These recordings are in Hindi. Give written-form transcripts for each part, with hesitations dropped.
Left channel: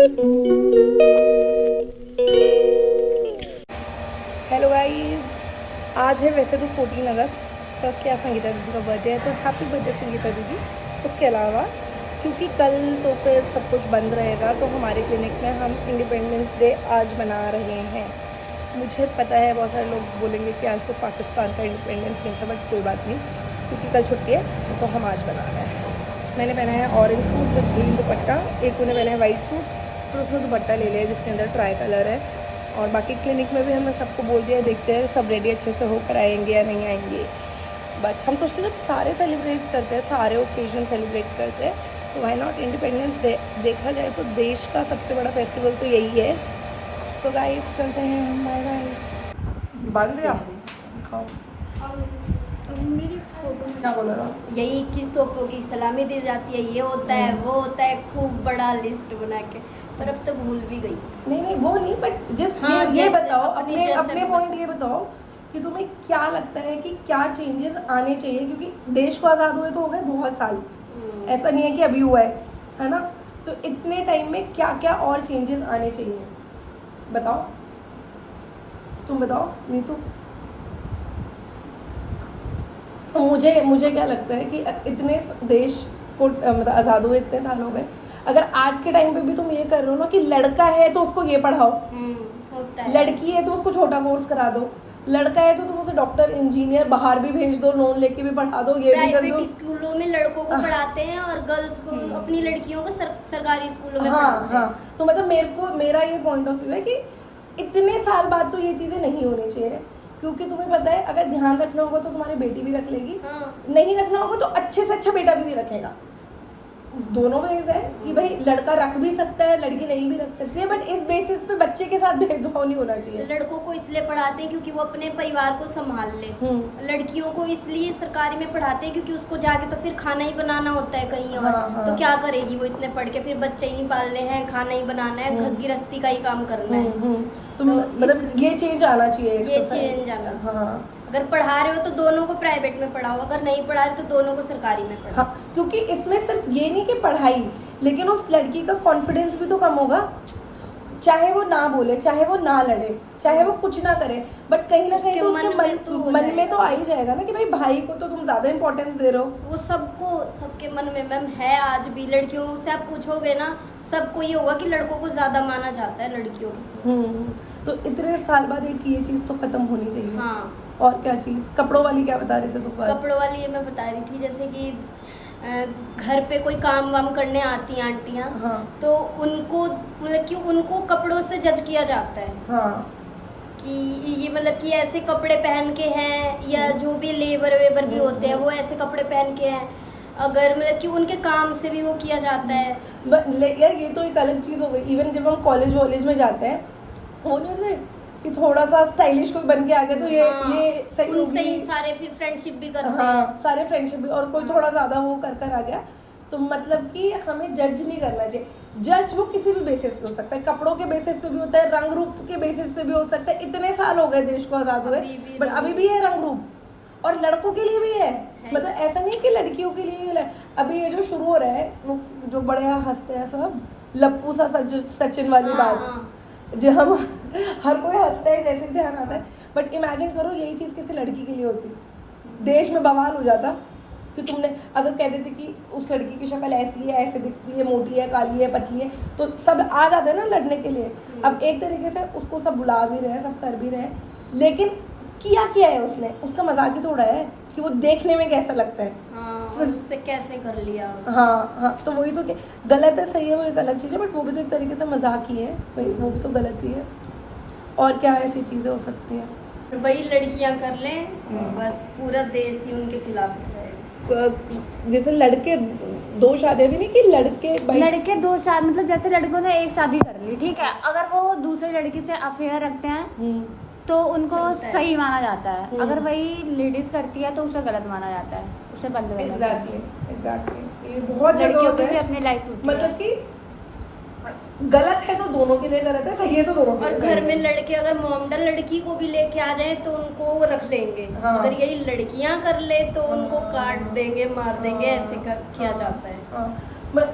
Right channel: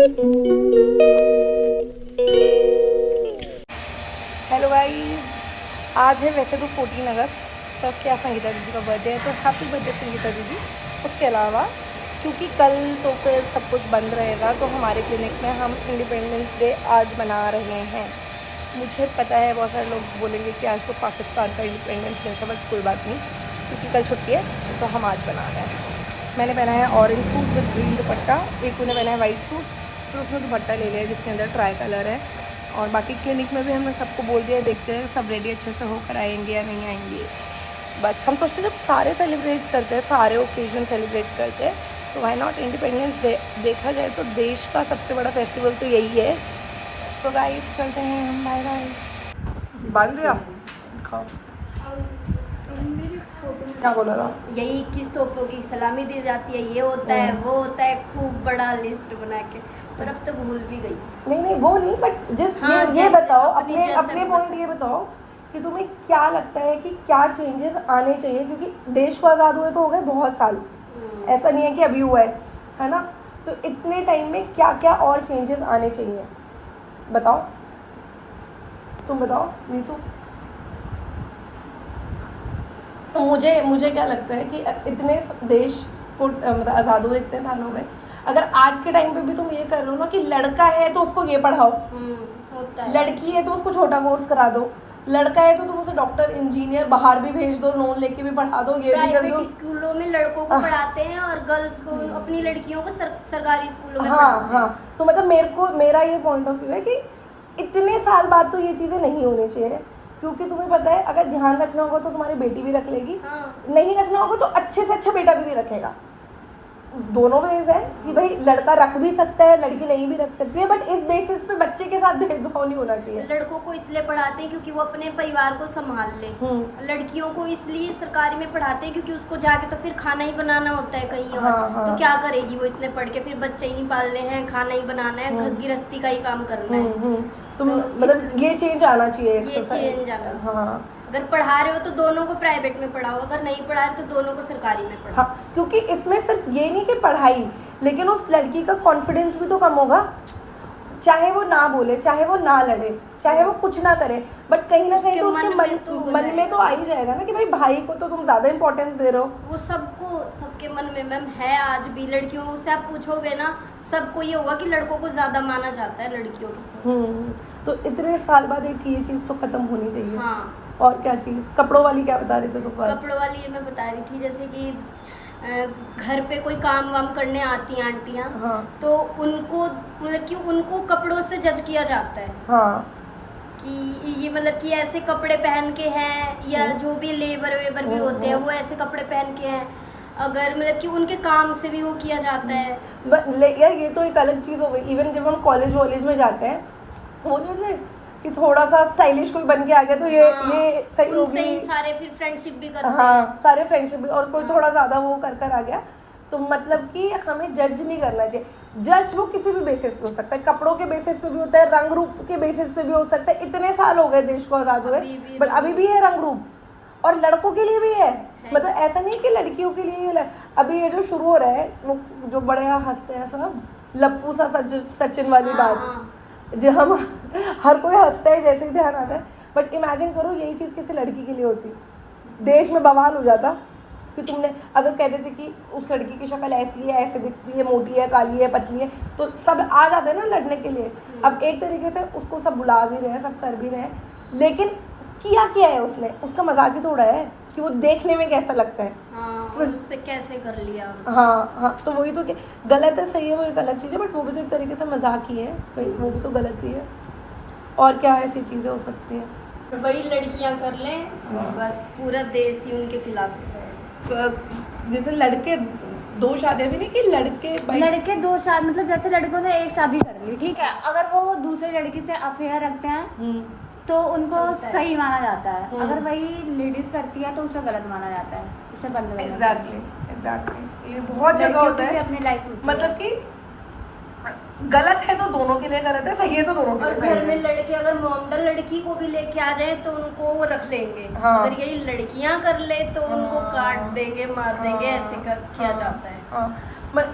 हेलो गाइस, आज है वैसे तो 14 अगस्त। फर्स्ट क्या संगीता दीदी का बर्थडे है, तो हैप्पी बर्थडे संगीता दीदी। उसके अलावा क्योंकि कल तो फिर सब कुछ बंद रहेगा, तो हमारे क्लिनिक में हम इंडिपेंडेंस डे आज मना रहे हैं। मुझे पता है बहुत सारे लोग बोलेंगे कि आज तो पाकिस्तान का इंडिपेंडेंस डे था, बट कोई बात नहीं, क्योंकि कल छुट्टी है तो हम आज मना रहे हैं। मैंने पहना है ऑरेंज सूट विद ग्रीन दुपट्टा, एक उन्हें पहना है वाइट सूट, फिर उसने दुपट्टा ले लिया जिसके अंदर ट्राई कलर है। और बाकी क्लिनिक में भी हमने सबको बोल दिया, देखते हैं सब रेडी अच्छे से होकर आएंगे या नहीं आएंगे। बट हम सोचते हैं जब सारे सेलिब्रेट करते हैं, सारे ओकेजन सेलिब्रेट करते हैं, तो व्हाई नॉट इंडिपेंडेंस डे। देखा जाए तो देश का सबसे बड़ा फेस्टिवल तो यही है। सो गाइस चलते हैं हम, बाय बाय। बांध दिया, खाओ। क्या बोला था? यही 21 तोपों की सलामी दी जाती है, ये होता है वो होता है, खूब बड़ा लिस्ट बना के, पर अब तो भूल भी गई। नहीं वो नहीं, बट जस्ट हाँ, ये बताओ, अपने अपने पॉइंट ये बताओ कि तुम्हें क्या लगता है कि क्या चेंजेस आने चाहिए, क्योंकि देश को आज़ाद हुए तो हो गए बहुत साल, ऐसा नहीं है कि अभी हुआ है ना। तो इतने टाइम में क्या क्या और चेंजेस आने चाहिए, बताओ, तुम बताओ नीतू। मुझे क्या लगता है कि इतने देश को मतलब आज़ाद हुए इतने साल हो गए, अगर आज के टाइम पे भी तुम ये कर रहे हो ना कि लड़का है तो उसको ये पढ़ाओ, होता है। लड़की है तो उसको छोटा कोर्स करा दो, लड़का है तो तुम उसे डॉक्टर इंजीनियर बाहर भी भेज दो, लोन लेके भी पढ़ा दो, ये भी कर दो। स्कूलों में लड़कों को पढ़ाते हैं और गर्ल्स को, अपनी लड़कियों को सरकारी स्कूलों में हाँ हाँ, तो मतलब मेरा ये पॉइंट ऑफ व्यू है कि इतने साल बाद तो ये चीज़ें नहीं होनी चाहिए, क्योंकि तुम्हें पता है अगर ध्यान रखना होगा तो तुम्हारी बेटी भी रख लेगी, नहीं रखना होगा तो अच्छे से अच्छा बेटा भी रखेगा। दोनों वेज है कि भाई लड़का रख भी सकता है, लड़की नहीं भी रख सकती है, बट इस बेसिस पे बच्चे के साथ भेदभाव नहीं होना चाहिए। लड़कों को इसलिए पढ़ाते हैं क्योंकि वो अपने परिवार को संभाल ले, लड़कियों को इसलिए सरकारी में पढ़ाते हैं क्योंकि उसको जाके तो फिर खाना ही बनाना होता है कहीं और। हाँ। तो क्या करेगी वो इतने पढ़ के, फिर बच्चे ही पालने हैं, खाना ही बनाना है, घर गृहस्थी का ही काम करना है। तो मतलब ये चेंज आना चाहिए, ये चेंज आना। हाँ, अगर पढ़ा रहे हो तो दोनों को प्राइवेट में पढ़ाओ, अगर नहीं पढ़ा रहे तो दोनों को सरकारी में पढ़ाओ। हाँ, क्योंकि इसमें सिर्फ ये नहीं कि पढ़ाई, लेकिन उस लड़की का कॉन्फिडेंस भी तो कम होगा, चाहे वो ना बोले, चाहे वो ना लड़े, चाहे वो कुछ ना करे, बट कहीं ना कहीं तो उसके मन में तो आ ही जाएगा ना कि भाई को तो तुम ज्यादा इंपॉर्टेंस दे रहे हो। वो सबके मन में मैम है आज भी। लड़कियों से आप पूछोगे ना, सबको ये होगा कि लड़कों को ज्यादा माना जाता है लड़कियों की। तो इतने साल बाद एक ये चीज तो खत्म होनी चाहिए। हाँ। और क्या चीज? कपड़ों वाली क्या बता रहे थे तुम? कपड़ों वाली ये मैं बता रही थी, जैसे कि घर पे कोई काम वाम करने आती हैं आंटियाँ, हाँ। तो उनको मतलब कि उनको कपड़ों से जज किया जाता है। हाँ। कि ये मतलब कि ऐसे कपड़े पहन के हैं, या जो भी लेबर वेबर भी होते हैं वो ऐसे कपड़े पहन के हैं, अगर मतलब कि उनके काम से भी वो किया जाता है। यार ये तो एक अलग चीज हो गई। इवन जब हम कॉलेज वॉलेज में जाते हैं, वो नहीं कि थोड़ा सा स्टाइलिश कोई बन के आ गया तो ये सही होगी, सारे फिर फ्रेंडशिप भी करते हैं। हाँ, सारे फ्रेंडशिप भी, और कोई थोड़ा ज्यादा वो कर आ गया तो मतलब कि हमें जज नहीं करना चाहिए। जज वो किसी भी बेसिस पे हो सकता है, कपड़ों के बेसिस पे भी होता है, रंग रूप के बेसिस पे भी हो सकता है। इतने साल हो गए देश को आजाद हुए, बट अभी भी है रंग रूप, और लड़कों के लिए भी है। मतलब ऐसा नहीं कि लड़कियों के लिए अभी ये जो शुरू हो रहा है, वो जो बड़े हंसते हैं सब, लप्पू सा सचिन वाली बात, जो हम हर कोई हंसता है जैसे ही ध्यान आता है, बट इमेजिन करो यही चीज़ किसी लड़की के लिए होती, देश में बवाल हो जाता कि तुमने अगर कहते थे कि उस लड़की की शक्ल ऐसी है, ऐसे दिखती है, मोटी है, काली है, पतली है, तो सब आ जाते हैं ना लड़ने के लिए। अब एक तरीके से उसको सब बुला भी रहे हैं, सब कर भी रहे हैं, लेकिन किया है उसने, उसका मजाक ही थोड़ा है कि वो देखने में कैसा लगता है। उससे कैसे कर लिया। हाँ, तो वही तो, गलत है सही है वो एक अलग चीज़ है, बट वो भी तो एक तरीके से मजाक ही है भाई, वो भी तो गलत ही है। और क्या ऐसी चीज़ें हो सकती हैं? वही लड़कियां कर लें, बस पूरा देश ही उनके खिलाफ है। जैसे लड़के दो शादियां भी नहीं कि लड़के दो शादी, मतलब जैसे लड़कों ने एक शादी कर ली, ठीक है, अगर वो दूसरे लड़की से अफेयर रखते हैं तो उनको सही माना जाता है, अगर वही लेडीज करती है तो उसे गलत माना जाता है, उसे बंद करना चाहिए। एग्जैक्टली, ये बहुत जगह होता है, अपनी लाइफ होती है, मतलब कि गलत है तो दोनों के लिए गलत है, सही है तो दोनों के लिए और सही है। घर में लड़के अगर मॉडल लड़की को भी लेके आ जाए तो उनको वो रख लेंगे। हाँ। अगर यही लड़कियां कर ले तो उनको काट देंगे, मार देंगे, ऐसे किया जाता है।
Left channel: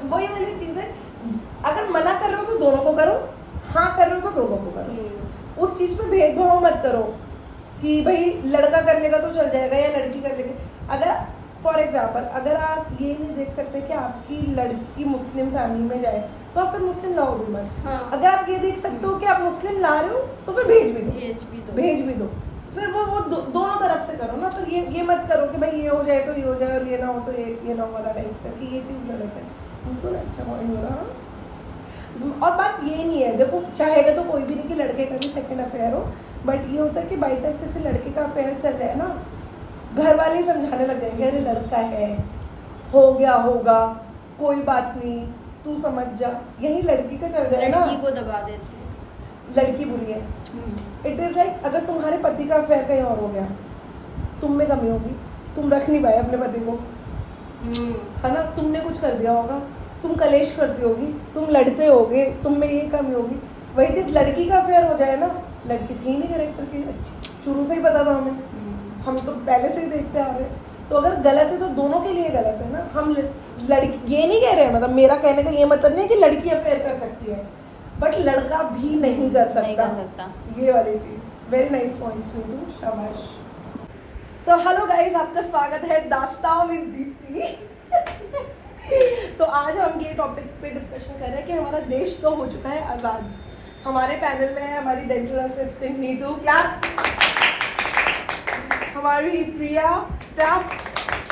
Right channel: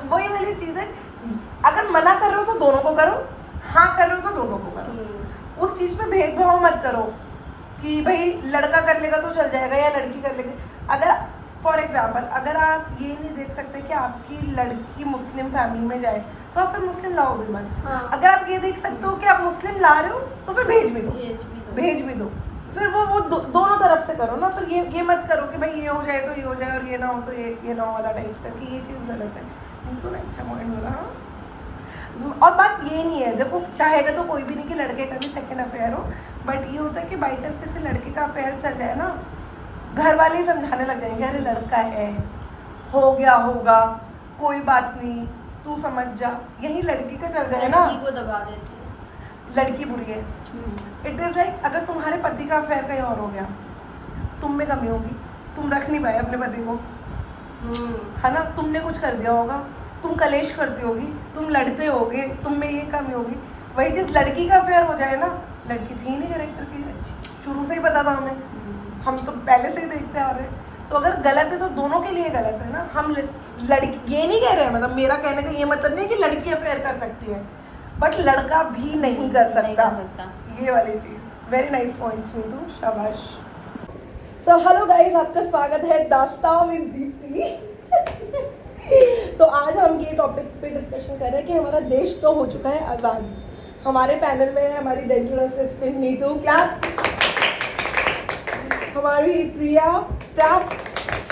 वही वाली चीज़ है अगर मना कर रहे हो तो दोनों को करो, हाँ कर रहे हो तो दोनों को करो। उस चीज में भेदभाव मत करो कि भाई लड़का कर लेगा तो चल जाएगा या लड़की कर लेगी। अगर फॉर एग्जाम्पल अगर आप ये नहीं देख सकते कि आपकी लड़की मुस्लिम फैमिली में जाए तो आप फिर मुस्लिम लाओ भी मत। हाँ। अगर आप ये देख सकते हो कि आप मुस्लिम ला रहे हो तो फिर भेज भी दो। फिर वो दोनों तरफ से करो ना। तो ये मत करो कि भाई ये हो जाए तो ये हो जाए और ये ना हो तो ये ना हो वाला टाइप से, कि ये चीज़ गलत है। तो ना अच्छा पॉइंट बोला। हाँ, और बात ये नहीं है, देखो चाहेगा तो कोई भी नहीं कि लड़के का भी सेकंड अफेयर हो, बट ये होता है कि बाई चांस किसी लड़के का अफेयर चल जाए ना, घर वाले ही समझाने लग जाएंगे, अरे लड़का है, हो गया होगा, कोई बात नहीं, तू समझ जा। यही लड़की का चल जाए ना, लड़की को दबा देती है। लड़की बुरी है। इट इज़ लाइक अगर तुम्हारे पति का अफेयर कहीं और हो गया, तुम में कमी होगी, तुम रख नहीं पाए अपने पति को, है ना, तुमने कुछ कर दिया होगा, तुम कलेश करती होगी, तुम लड़ते होगे, तुम में ये कमी होगी। वही चीज़ लड़की का अफेयर हो जाए ना, लड़की थी नहीं कैरेक्टर की अच्छी, शुरू से ही पता था हमें, हम तो पहले से ही देखते आ रहे हैं। तो अगर गलत है तो दोनों के लिए गलत है ना। हम लड़की ये नहीं कह रहे हैं, मतलब मेरा कहने का ये मतलब नहीं है कि लड़की अफेयर कर सकती है, बट लड़का भी नहीं कर सकता। ये वाली चीज़। वेरी नाइस पॉइंट नीतू, शाबाश। सो हेलो गाइस, आपका स्वागत है दास्तां विद दीप्ति। तो आज हम ये टॉपिक पे डिस्कशन कर रहे हैं कि हमारा देश तो हो चुका है आज़ाद। हमारे पैनल में है हमारी डेंटल असिस्टेंट नीतू, क्लैप। हमारी प्रिया, क्लैप।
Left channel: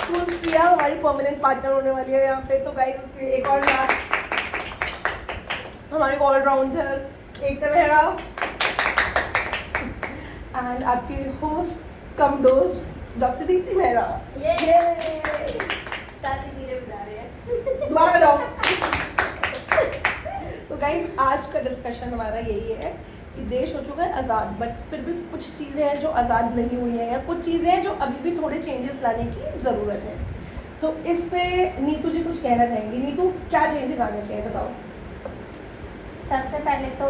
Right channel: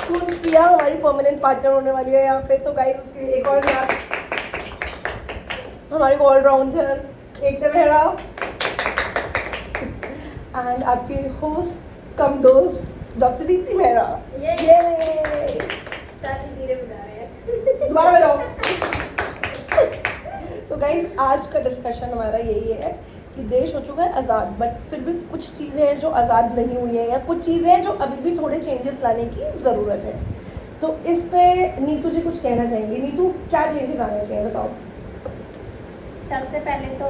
प्रिया हमारी परमानेंट पार्टनर होने वाली है यहाँ पे, तो गाइस उसकी एक और क्लैप। हमारी ऑलराउंडर एकता मेहरा एंड आपकी होस्ट कम दोस्त डॉक्टर दीप्ति मेहरा। धीरे बजा रहे हैं। दोबारा बजाओ। तो गाइस आज का डिस्कशन हमारा यही है कि देश हो चुका है आज़ाद, बट फिर भी कुछ चीज़ें हैं जो आज़ाद नहीं हुई हैं, या कुछ चीज़ें हैं जो अभी भी थोड़े चेंजेस लाने की ज़रूरत है। तो इस पे नीतू जी कुछ कहना चाहेंगी। नीतू, क्या चेंजेस आने चाहिए, बताओ। सबसे पहले तो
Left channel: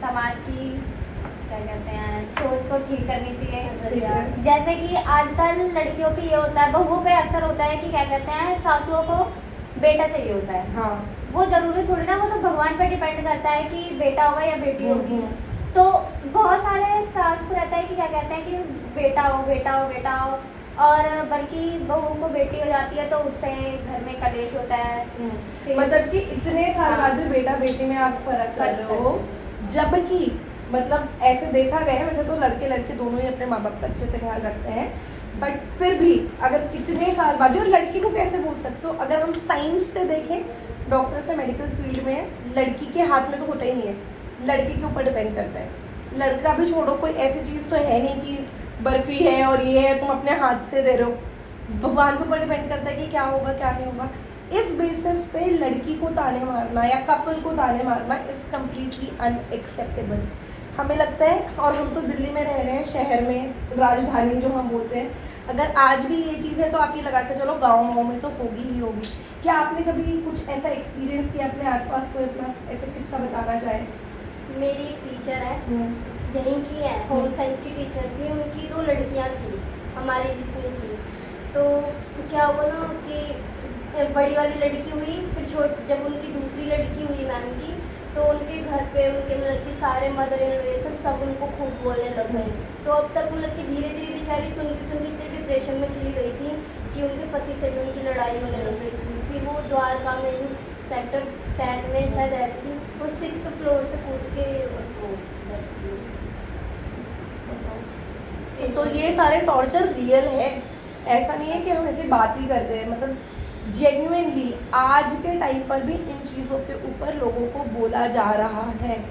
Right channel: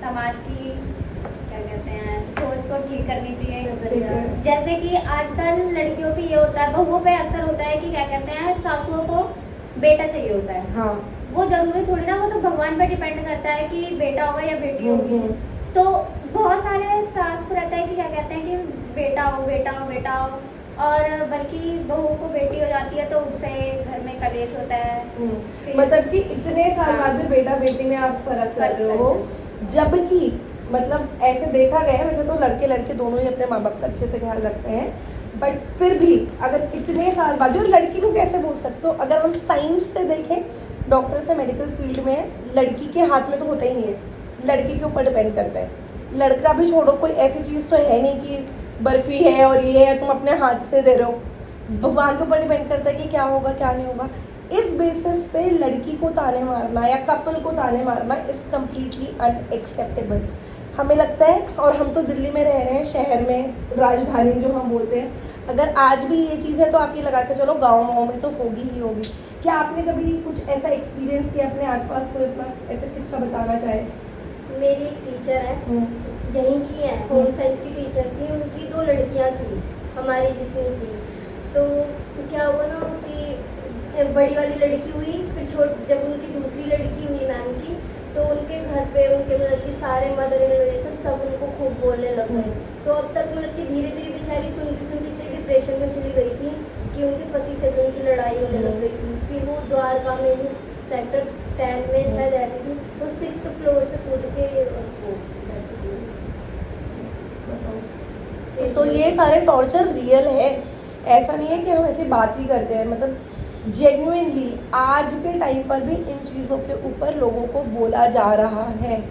समाज की क्या कहते हैं सोच को ठीक करनी चाहिए। जैसे कि आजकल लड़कियों पे ये होता है, बहुओं पे अक्सर होता है कि क्या कहते हैं सासुओं को बेटा चाहिए होता है। हाँ, वो जरूरी थोड़ी ना, वो तो भगवान पे डिपेंड करता है कि बेटा होगा या बेटी होगी। तो बहुत सारे सास को रहता है कि क्या कहते हैं कि बेटा हो बेटा हो बेटा हो, और बल्कि बहुओं को बेटी हो जाती है तो उससे घर में कलेश होता है। मतलब कि इतने साल बाद भी बेटा बेटी में आप फर्क कर रहे हो, जबकि मतलब ऐसे देखा गया है, वैसे तो लड़के लड़के दोनों ही अपने माँ बाप का अच्छे से ख्याल रखते हैं, बट फिर भी अगर इतने साल बाद, और लड़की को कैसे बोल सकते हो, अगर हम साइंस से देखें, डॉक्टर से मेडिकल फील्ड में, लड़की के हाथ में तो होता ही नहीं है, लड़की के ऊपर डिपेंड करता है। लड़का भी छोड़ो, कोई ऐसी चीज़ तो है नहीं कि बर्फी है और ये है तुम अपने हाथ से दे रहे हो, भगवान के ऊपर डिपेंड करता है कि क्या होगा क्या नहीं होगा। इस बेसिस पे लड़की को ताने मारना या कपल को ताने मारना इज़ कम्प्लीटली अनएक्सेप्टेबल हमें लगता है। और हम तो दिल्ली में रह रहे हैं, शहर में, राजधानी जो हम बोलते हैं। अगर आज भी ये चीज़ है तो आप ये लगा के चलो गाँव में तो होगी ही होगी। क्या आपने कभी कुछ ऐसा एक्सपीरियंस किया अपने आसपास को, इतना ऐसा किस्सा बताना चाहे? मेरी एक टीचर है, यहीं की है, होम साइंस की टीचर थी। उनकी 2 लड़कियां थी, हमारी जितनी थी। तो क्या हुआ ना कि बड़ी वाली लड़की हुई, फिर जब उनकी दूसरी लड़की हुई मैम की, तो उनके घर पे उनके मतलब कि सारे मदर इन लॉ सब उनको खूब बोलने लग गए। तो अब तक मतलब कि धीरे धीरे बेचारी सुनती सुनती इतने डिप्रेशन में चली गई थी कि उनके पति से भी उनकी लड़ाई होने लग गई थी। फिर वो द्वारका में ही सेक्टर 10 में शायद रहती थी, वो 6th फ्लोर से कूद के तो ये सारे टॉर्चर रियल है, ऐसा नहीं है कि हम ऐसे बात ही करते हैं। मतलब जेन्युइनली आज के टाइम पर भी इन चीज़ों के ऊपर लोगों को बोला जा रहा है।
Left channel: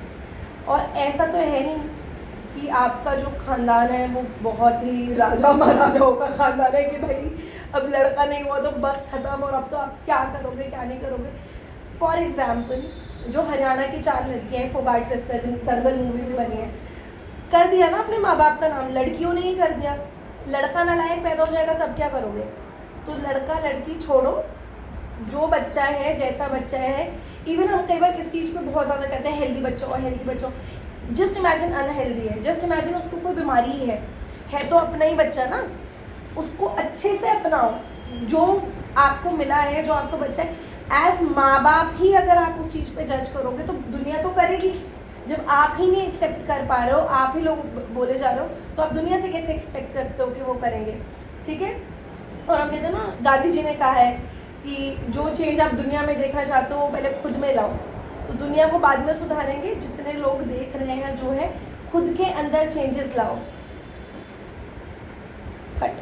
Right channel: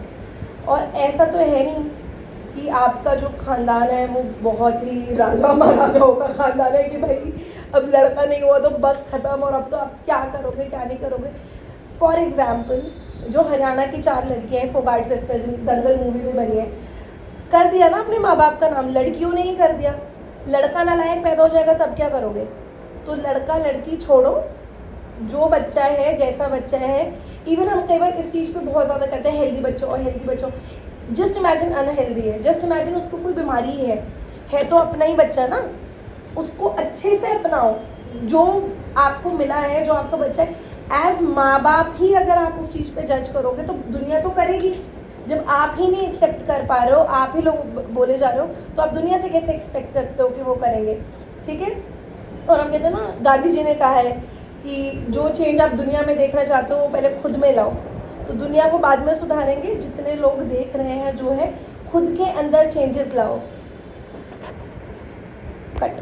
और ऐसा तो है नहीं कि आपका जो ख़ानदान है वो बहुत ही राजा महाराजाओं का ख़ानदान है कि भाई अब लड़का नहीं हुआ तो बस ख़त्म, और अब तो आप क्या करोगे क्या नहीं करोगे। फॉर एग्ज़ाम्पल जो हरियाणा की 4 लड़कियाँ हैं, फोगाट सिस्टर, दंगल मूवी में बनी है, कर दिया ना अपने माँ बाप का नाम, लड़कियों ने ही कर दिया। लड़का नालायक पैदा हो जाएगा तब क्या करोगे? तो लड़का लड़की छोड़ो, जो बच्चा है जैसा बच्चा है। इवन हम कई बार इस चीज़ पे बहुत ज़्यादा कहते हैं हेल्दी बच्चों और हेल्दी बच्चों। जस्ट इमेजिन अनहेल्दी है, जस्ट इमेजिन उसको कोई बीमारी है तो अपना ही बच्चा ना, उसको अच्छे से अपनाओ। जो आपको मिला है, जो आपका बच्चा है, एज माँ बाप ही अगर आप उस चीज़ पे जज करोगे तो दुनिया तो करेगी। जब आप ही नहीं एक्सेप्ट कर पा रहे हो, आप ही लोग बोले जा रहे हो, तो आप दुनिया से कैसे एक्सपेक्ट करते हो कि वो करेंगे? ठीक है। और हम कहते हैं ना, गांधी जी ने कहा है कि जो चेंज आप दुनिया में देखना चाहते हो वो पहले खुद में लाओ, तो दुनिया को बाद में सुधारेंगे। जितने लोग देख रहे हैं जो है, खुद के अंदर चेंजेस लाओ। कट।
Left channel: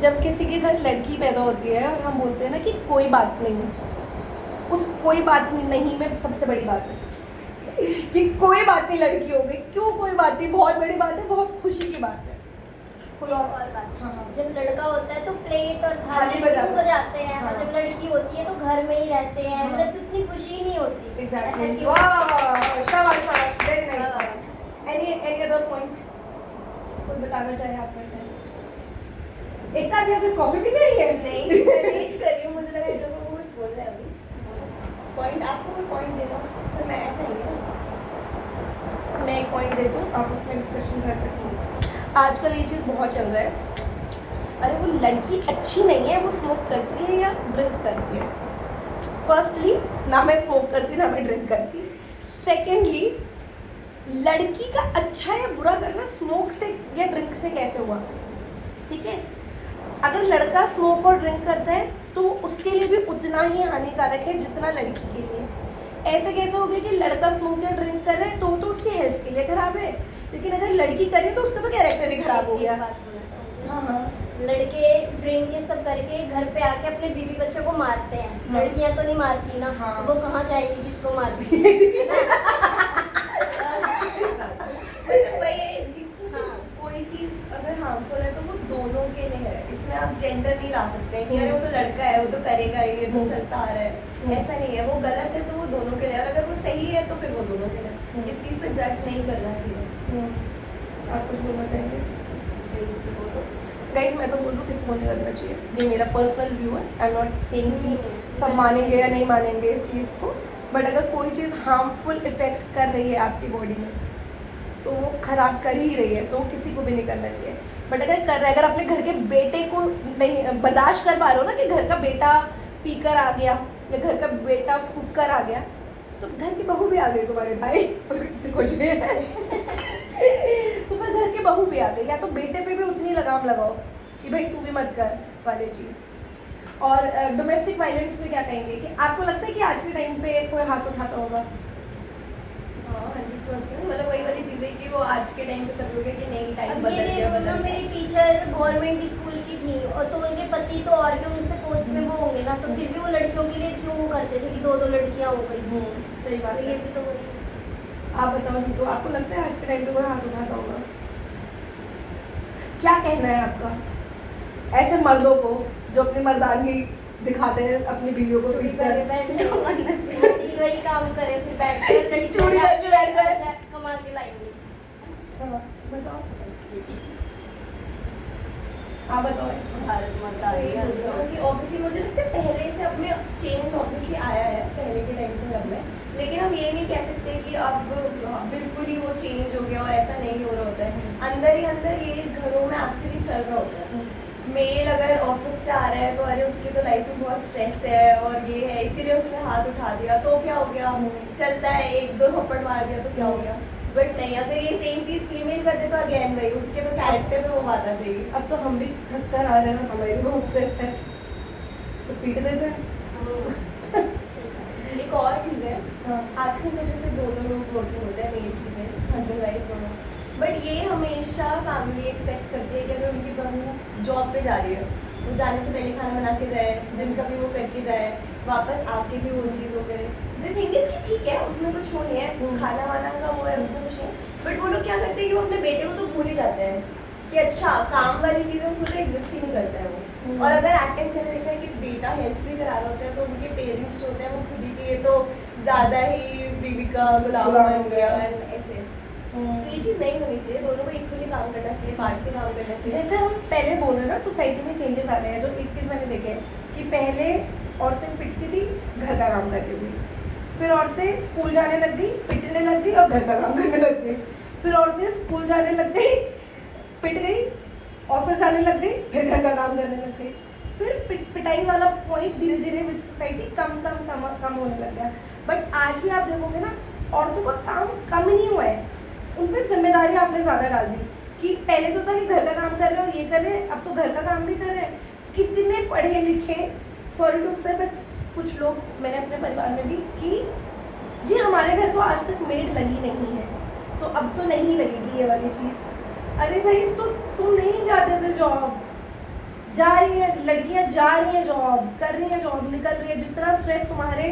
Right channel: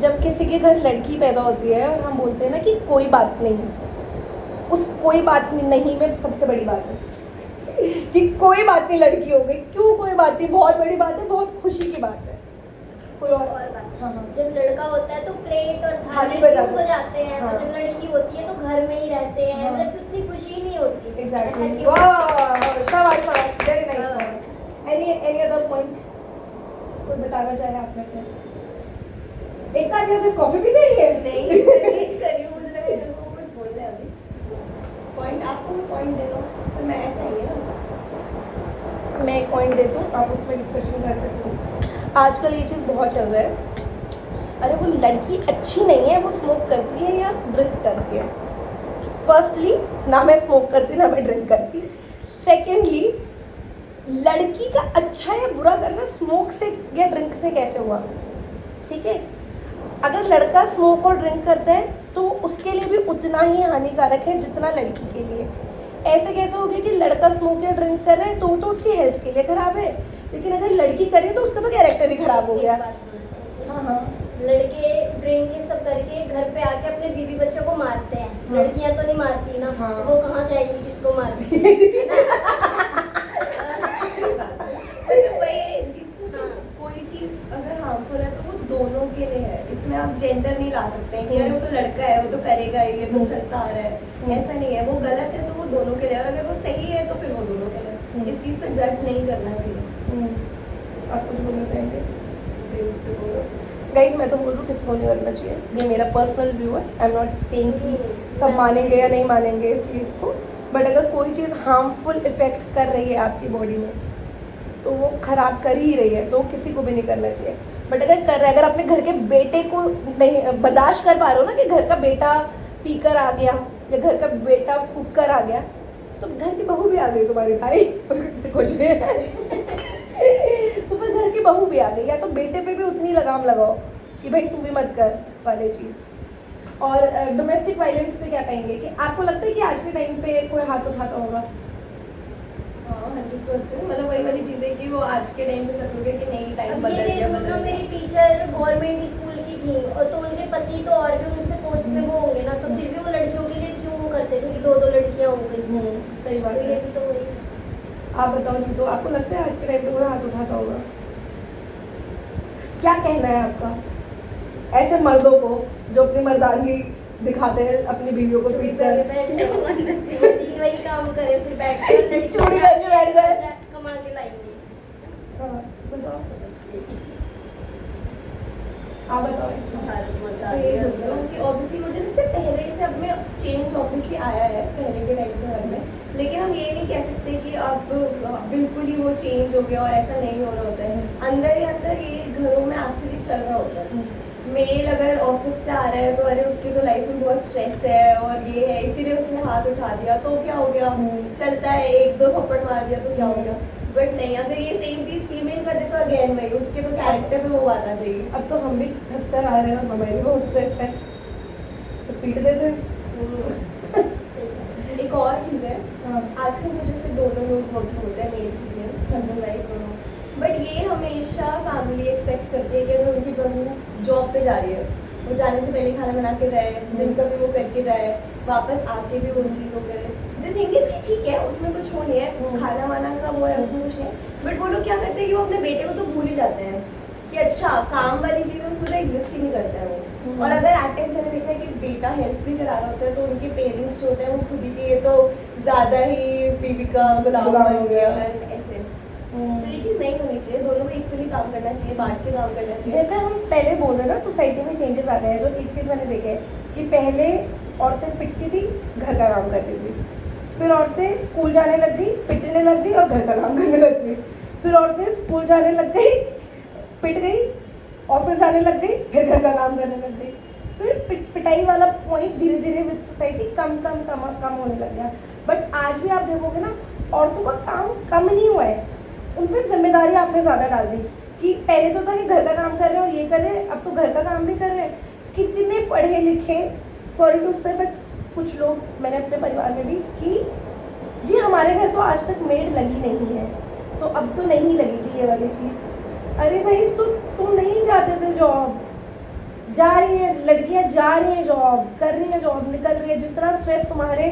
जब किसी के घर लड़की पैदा होती है और हम बोलते हैं ना कि कोई बात नहीं, उस कोई बात नहीं में सबसे बड़ी बात है कि कोई बात नहीं लड़की हो गई। क्यों कोई बात नहीं? बहुत बड़ी बात है, बहुत खुशी की बात है। कोई और बात, हाँ हाँ। जब लड़का होता है तो प्लेट और थाली थाली क्यों बजाते हैं, हाँ। और जब लड़की होती है तो घर में ही रहते हैं, हाँ। मतलब इतनी खुशी नहीं होती। Exactly. ऐसा क्यों? Wow, शाबाश, शाबाश, very nice. वाह। Any other point? कोई बताना चाहे आप में से? एकता अभी आपसे कॉफी भी नहीं है? नहीं, वेट कर रही हूँ, मुझे लगा इन लोगों को कुछ बोलना है अभी। पॉइंट आपको कोई पॉइंट दे दो, तो मैं ऐसा ही है ना। मैं एक पॉइंट देती हूँ, आप इसमें डिस्कशन कर सकते हो। आजकल ये चीज़ बहुत चल रहा है, अरे वो लड़की अच्छी नहीं है, वो स्मोक करती है या ड्रिंक करती है। फर्स्टली, ना मैं स्मोक करती ना मैं ड्रिंक करती। सेकेंडली, लड़की का अच्छा या बुरा करना स्मोक से या ड्रिंक से कैसे हुआ? ठीक है, अगर लड़का स्मोक और ड्रिंक करता है तो उसके लिए भी उतना ही हानिकारक है जितना लड़की के लिए। ऐसा कैसे हो गया कि लड़का स्मोक या ड्रिंक कर रहा है तो उसकी हेल्थ के लिए खराब है, लेकिन अगर लड़की करे तो उसका तो कैरेक्टर ही खराब हो गया। एक बात बोलना चाहूँगी। हाँ हाँ। लड़के ड्रिंक ये सब करके घर पे आके अपने बीवी बच्चों को मारते हैं, हाँ। लड़कियां तो नहीं मारती ना। हाँ। वो कहाँ जाएगी किसको मारती है ना? वही है इस चीज़ को, हाँ। कोई चीज़ अगर हार्मफुल है तो वो दोनों के लिए है। इसमें आप जेंडर नहीं ला सकते कि अरे वो तो लड़का है, वो तो करेगा ही, ये तो चलता आ रहा है। ऐसा नहीं है, वो गलत है तो वो दोनों के लिए, और अगर वो सही है तो फिर वो दोनों के लिए। इस चीज़ पे जज नहीं करना चाहिए। आप कुछ बोलना चाहेंगे? गाइस, मैं तो बोल रही हूँ किसी को नहीं करना चाहिए, ये मेरा पर्सनल व्यू है। आई एम नॉट सेइंग कि सब मानेंगे या नहीं मानेंगे इस चीज़ को, बट अगर कोई चीज़ हार्मफुल इफेक्ट कर रही है आपकी बॉडी में तो वो खराब कर ही रही है, तो किसी को भी नहीं करना चाहिए। बट अगर कर रहे, अगर अपने घर के बेटे को नहीं बर्दाश्त कर पा रहे हो ना कि घर का बेटा पीकर आ गया या घर का बेटा फूक कर आ गया, तो घर की बहू भी आ गई तुम्हारे भाई तो कुछ भी है तो फिर घर की बहू भी आ गई, या तो बेटे पे भी उतनी लगाम लगाओ कि भाई तू भी मत कर वाली चीज़। और डोमेस्टिक वायलेंस पे क्या कहेंगे कि आपको लगता है कि आज के टाइम पे कोई हाथ उठाता होगा? हाँ, 100%। मतलब वही वाली चीज़ है कि वो आज के टाइम पे सब लोग हैं कि नहीं, टाइम अब बदल ये गया, देखो बदल ना, गया। मेरी टीचर गवर्नमेंट स्कूल की थी, और तो उनके पति तो और भी उनसे पोस्ट में वो होंगे ना, तो फिर भी वो लड़कियों के लिए क्यों वो करते थे कि दो दो लड़कियां हो गई। सही बात तो ये है। भी तो वही। आप बताओ जी, तो आपको लगता है आज के टाइम पे कोई हाथ उठाता होगा? क्या कहना है आपका ऐसे मर्दों को जो अपनी मर्दानगी दिखाते हैं अपनी बीवियों को चूड़ी पीट पहन के कर? बैठ जाओ, वही वही काम करे, फिर बैठ कर लड़की चूड़ी पहन के बैठ गए। कमा के लाएंगे। हाँ, बताओ, आप बताओ। भारत माता तो की ये जय। बोल रहा हूँ कि ऑब्वियसली मुझे लगता है पहले से अब में चेंज ऑब्वियसली आया है, पहले के टाइम से अब में, लेकिन हम ये नहीं कह सकते कि अब बिल्कुल ही वो चेंज हो गया और ऐसा नहीं हो रहा होता है। अंदर ही अंदर ये घरों में एक्चुअली चल रहा होता है। मेल अगर ऑफिस से आ रहा है तो अरे उसकी तो लाइफ में बहुत स्ट्रेस है और ये है, इसीलिए उसने हाथ उठा दिया, तो क्या हो गया, चलता है, एक दो थप्पड़ मार दिया तो क्या हो गया। बट नहीं, अगर ये सेम चीज़ फीमेल कर दे तो अगेन भाई उसके तो कैरेक्टर पे वो आना चाहिए। अब तो हम भी थक कर आ रहे हैं, हमारी भी बहुत स्ट्रेस है, तो पीट देते हैं। सही। एक और चीज़ है, हाँ। आजकल तो जैसे दोनों लोग वर्किंग होते हैं, मेल फीमेल, हस्बैंड वाइफ दोनों, बट ये हमेशा फैमिली एक्सपेक्ट करती है कि अगर उनकी बहू जॉब पे जा रही है, वो जाने से पहले खाना बना के जाए, दिन का भी वो करके जाए, वापस आके भी वो चीज़ हो गए। द थिंग इज कि ठीक है, उसमें कुछ हो नहीं है, खाना वाना का वो है, उसमें कुछ नहीं है, बट वो लोग क्या करते हैं कि वो अपने बेटे को तो भूल ही जाते हैं कि अच्छा काम वाली चीज़ें उसमें तो एग्जिस्ट ही नहीं करता है वो। और अगर एट टाइम्स मैंने देखा है कि बेटा हेल्प भी करा रहा होता है तो उनके पेरेंट्स जो होते हैं वो खुद ही के ये तो ज़्यादा ही बीवी का गुलाम बन गया ऐसे। तो ये चीज़ नहीं होनी चाहिए, दोनों को इक्वली काम करना चाहिए, बांट के काम करना चाहिए। जैसे हम पहले बोल रहे हैं ना, सोसाइटी में चेंजेस आ रहे हैं। जो एक चीज़ मैंने देखा है कि पहले औरतें पिटती थी, घर का काम करती थी, फिर औरतें स्कूल जाने लग गई, पिटने लग गई और घर का काम करने लग गई, फिर औरतें स्कूल जाने लग गई, पिट गई, ऑफिस जाने लग गई, फिर घर का काम करने लग गई, फिर पिटाई वाला पॉइंट धीरे धीरे विद सोसाइटी कम होने लग गया। बट आज भी आप देखोगे ना, औरतों का काम कम नहीं हुआ है, उन पर जिम्मेदारी आपने ज़्यादा डाल दी कि पहले तो था कि घर का काम कर रहे हैं और ये कर रहे हैं, अब तो घर का काम भी कर रहे हैं। कितने पढ़े लिखे, सॉरी टू से, बट कुछ लोग मैंने अपने परिवार में भी कि जी हमारे घर तो आज तक मेड लगी नहीं है, तो अब तो नहीं लगेगी ये वाली चीज़। अरे भाई, तो तुम नहीं जाते थे जॉब, जा रही है लड़कियां, जा रही हैं जॉब, कर रही हैं जॉब, निकल रही है। जितना स्ट्रेस तुम्हारे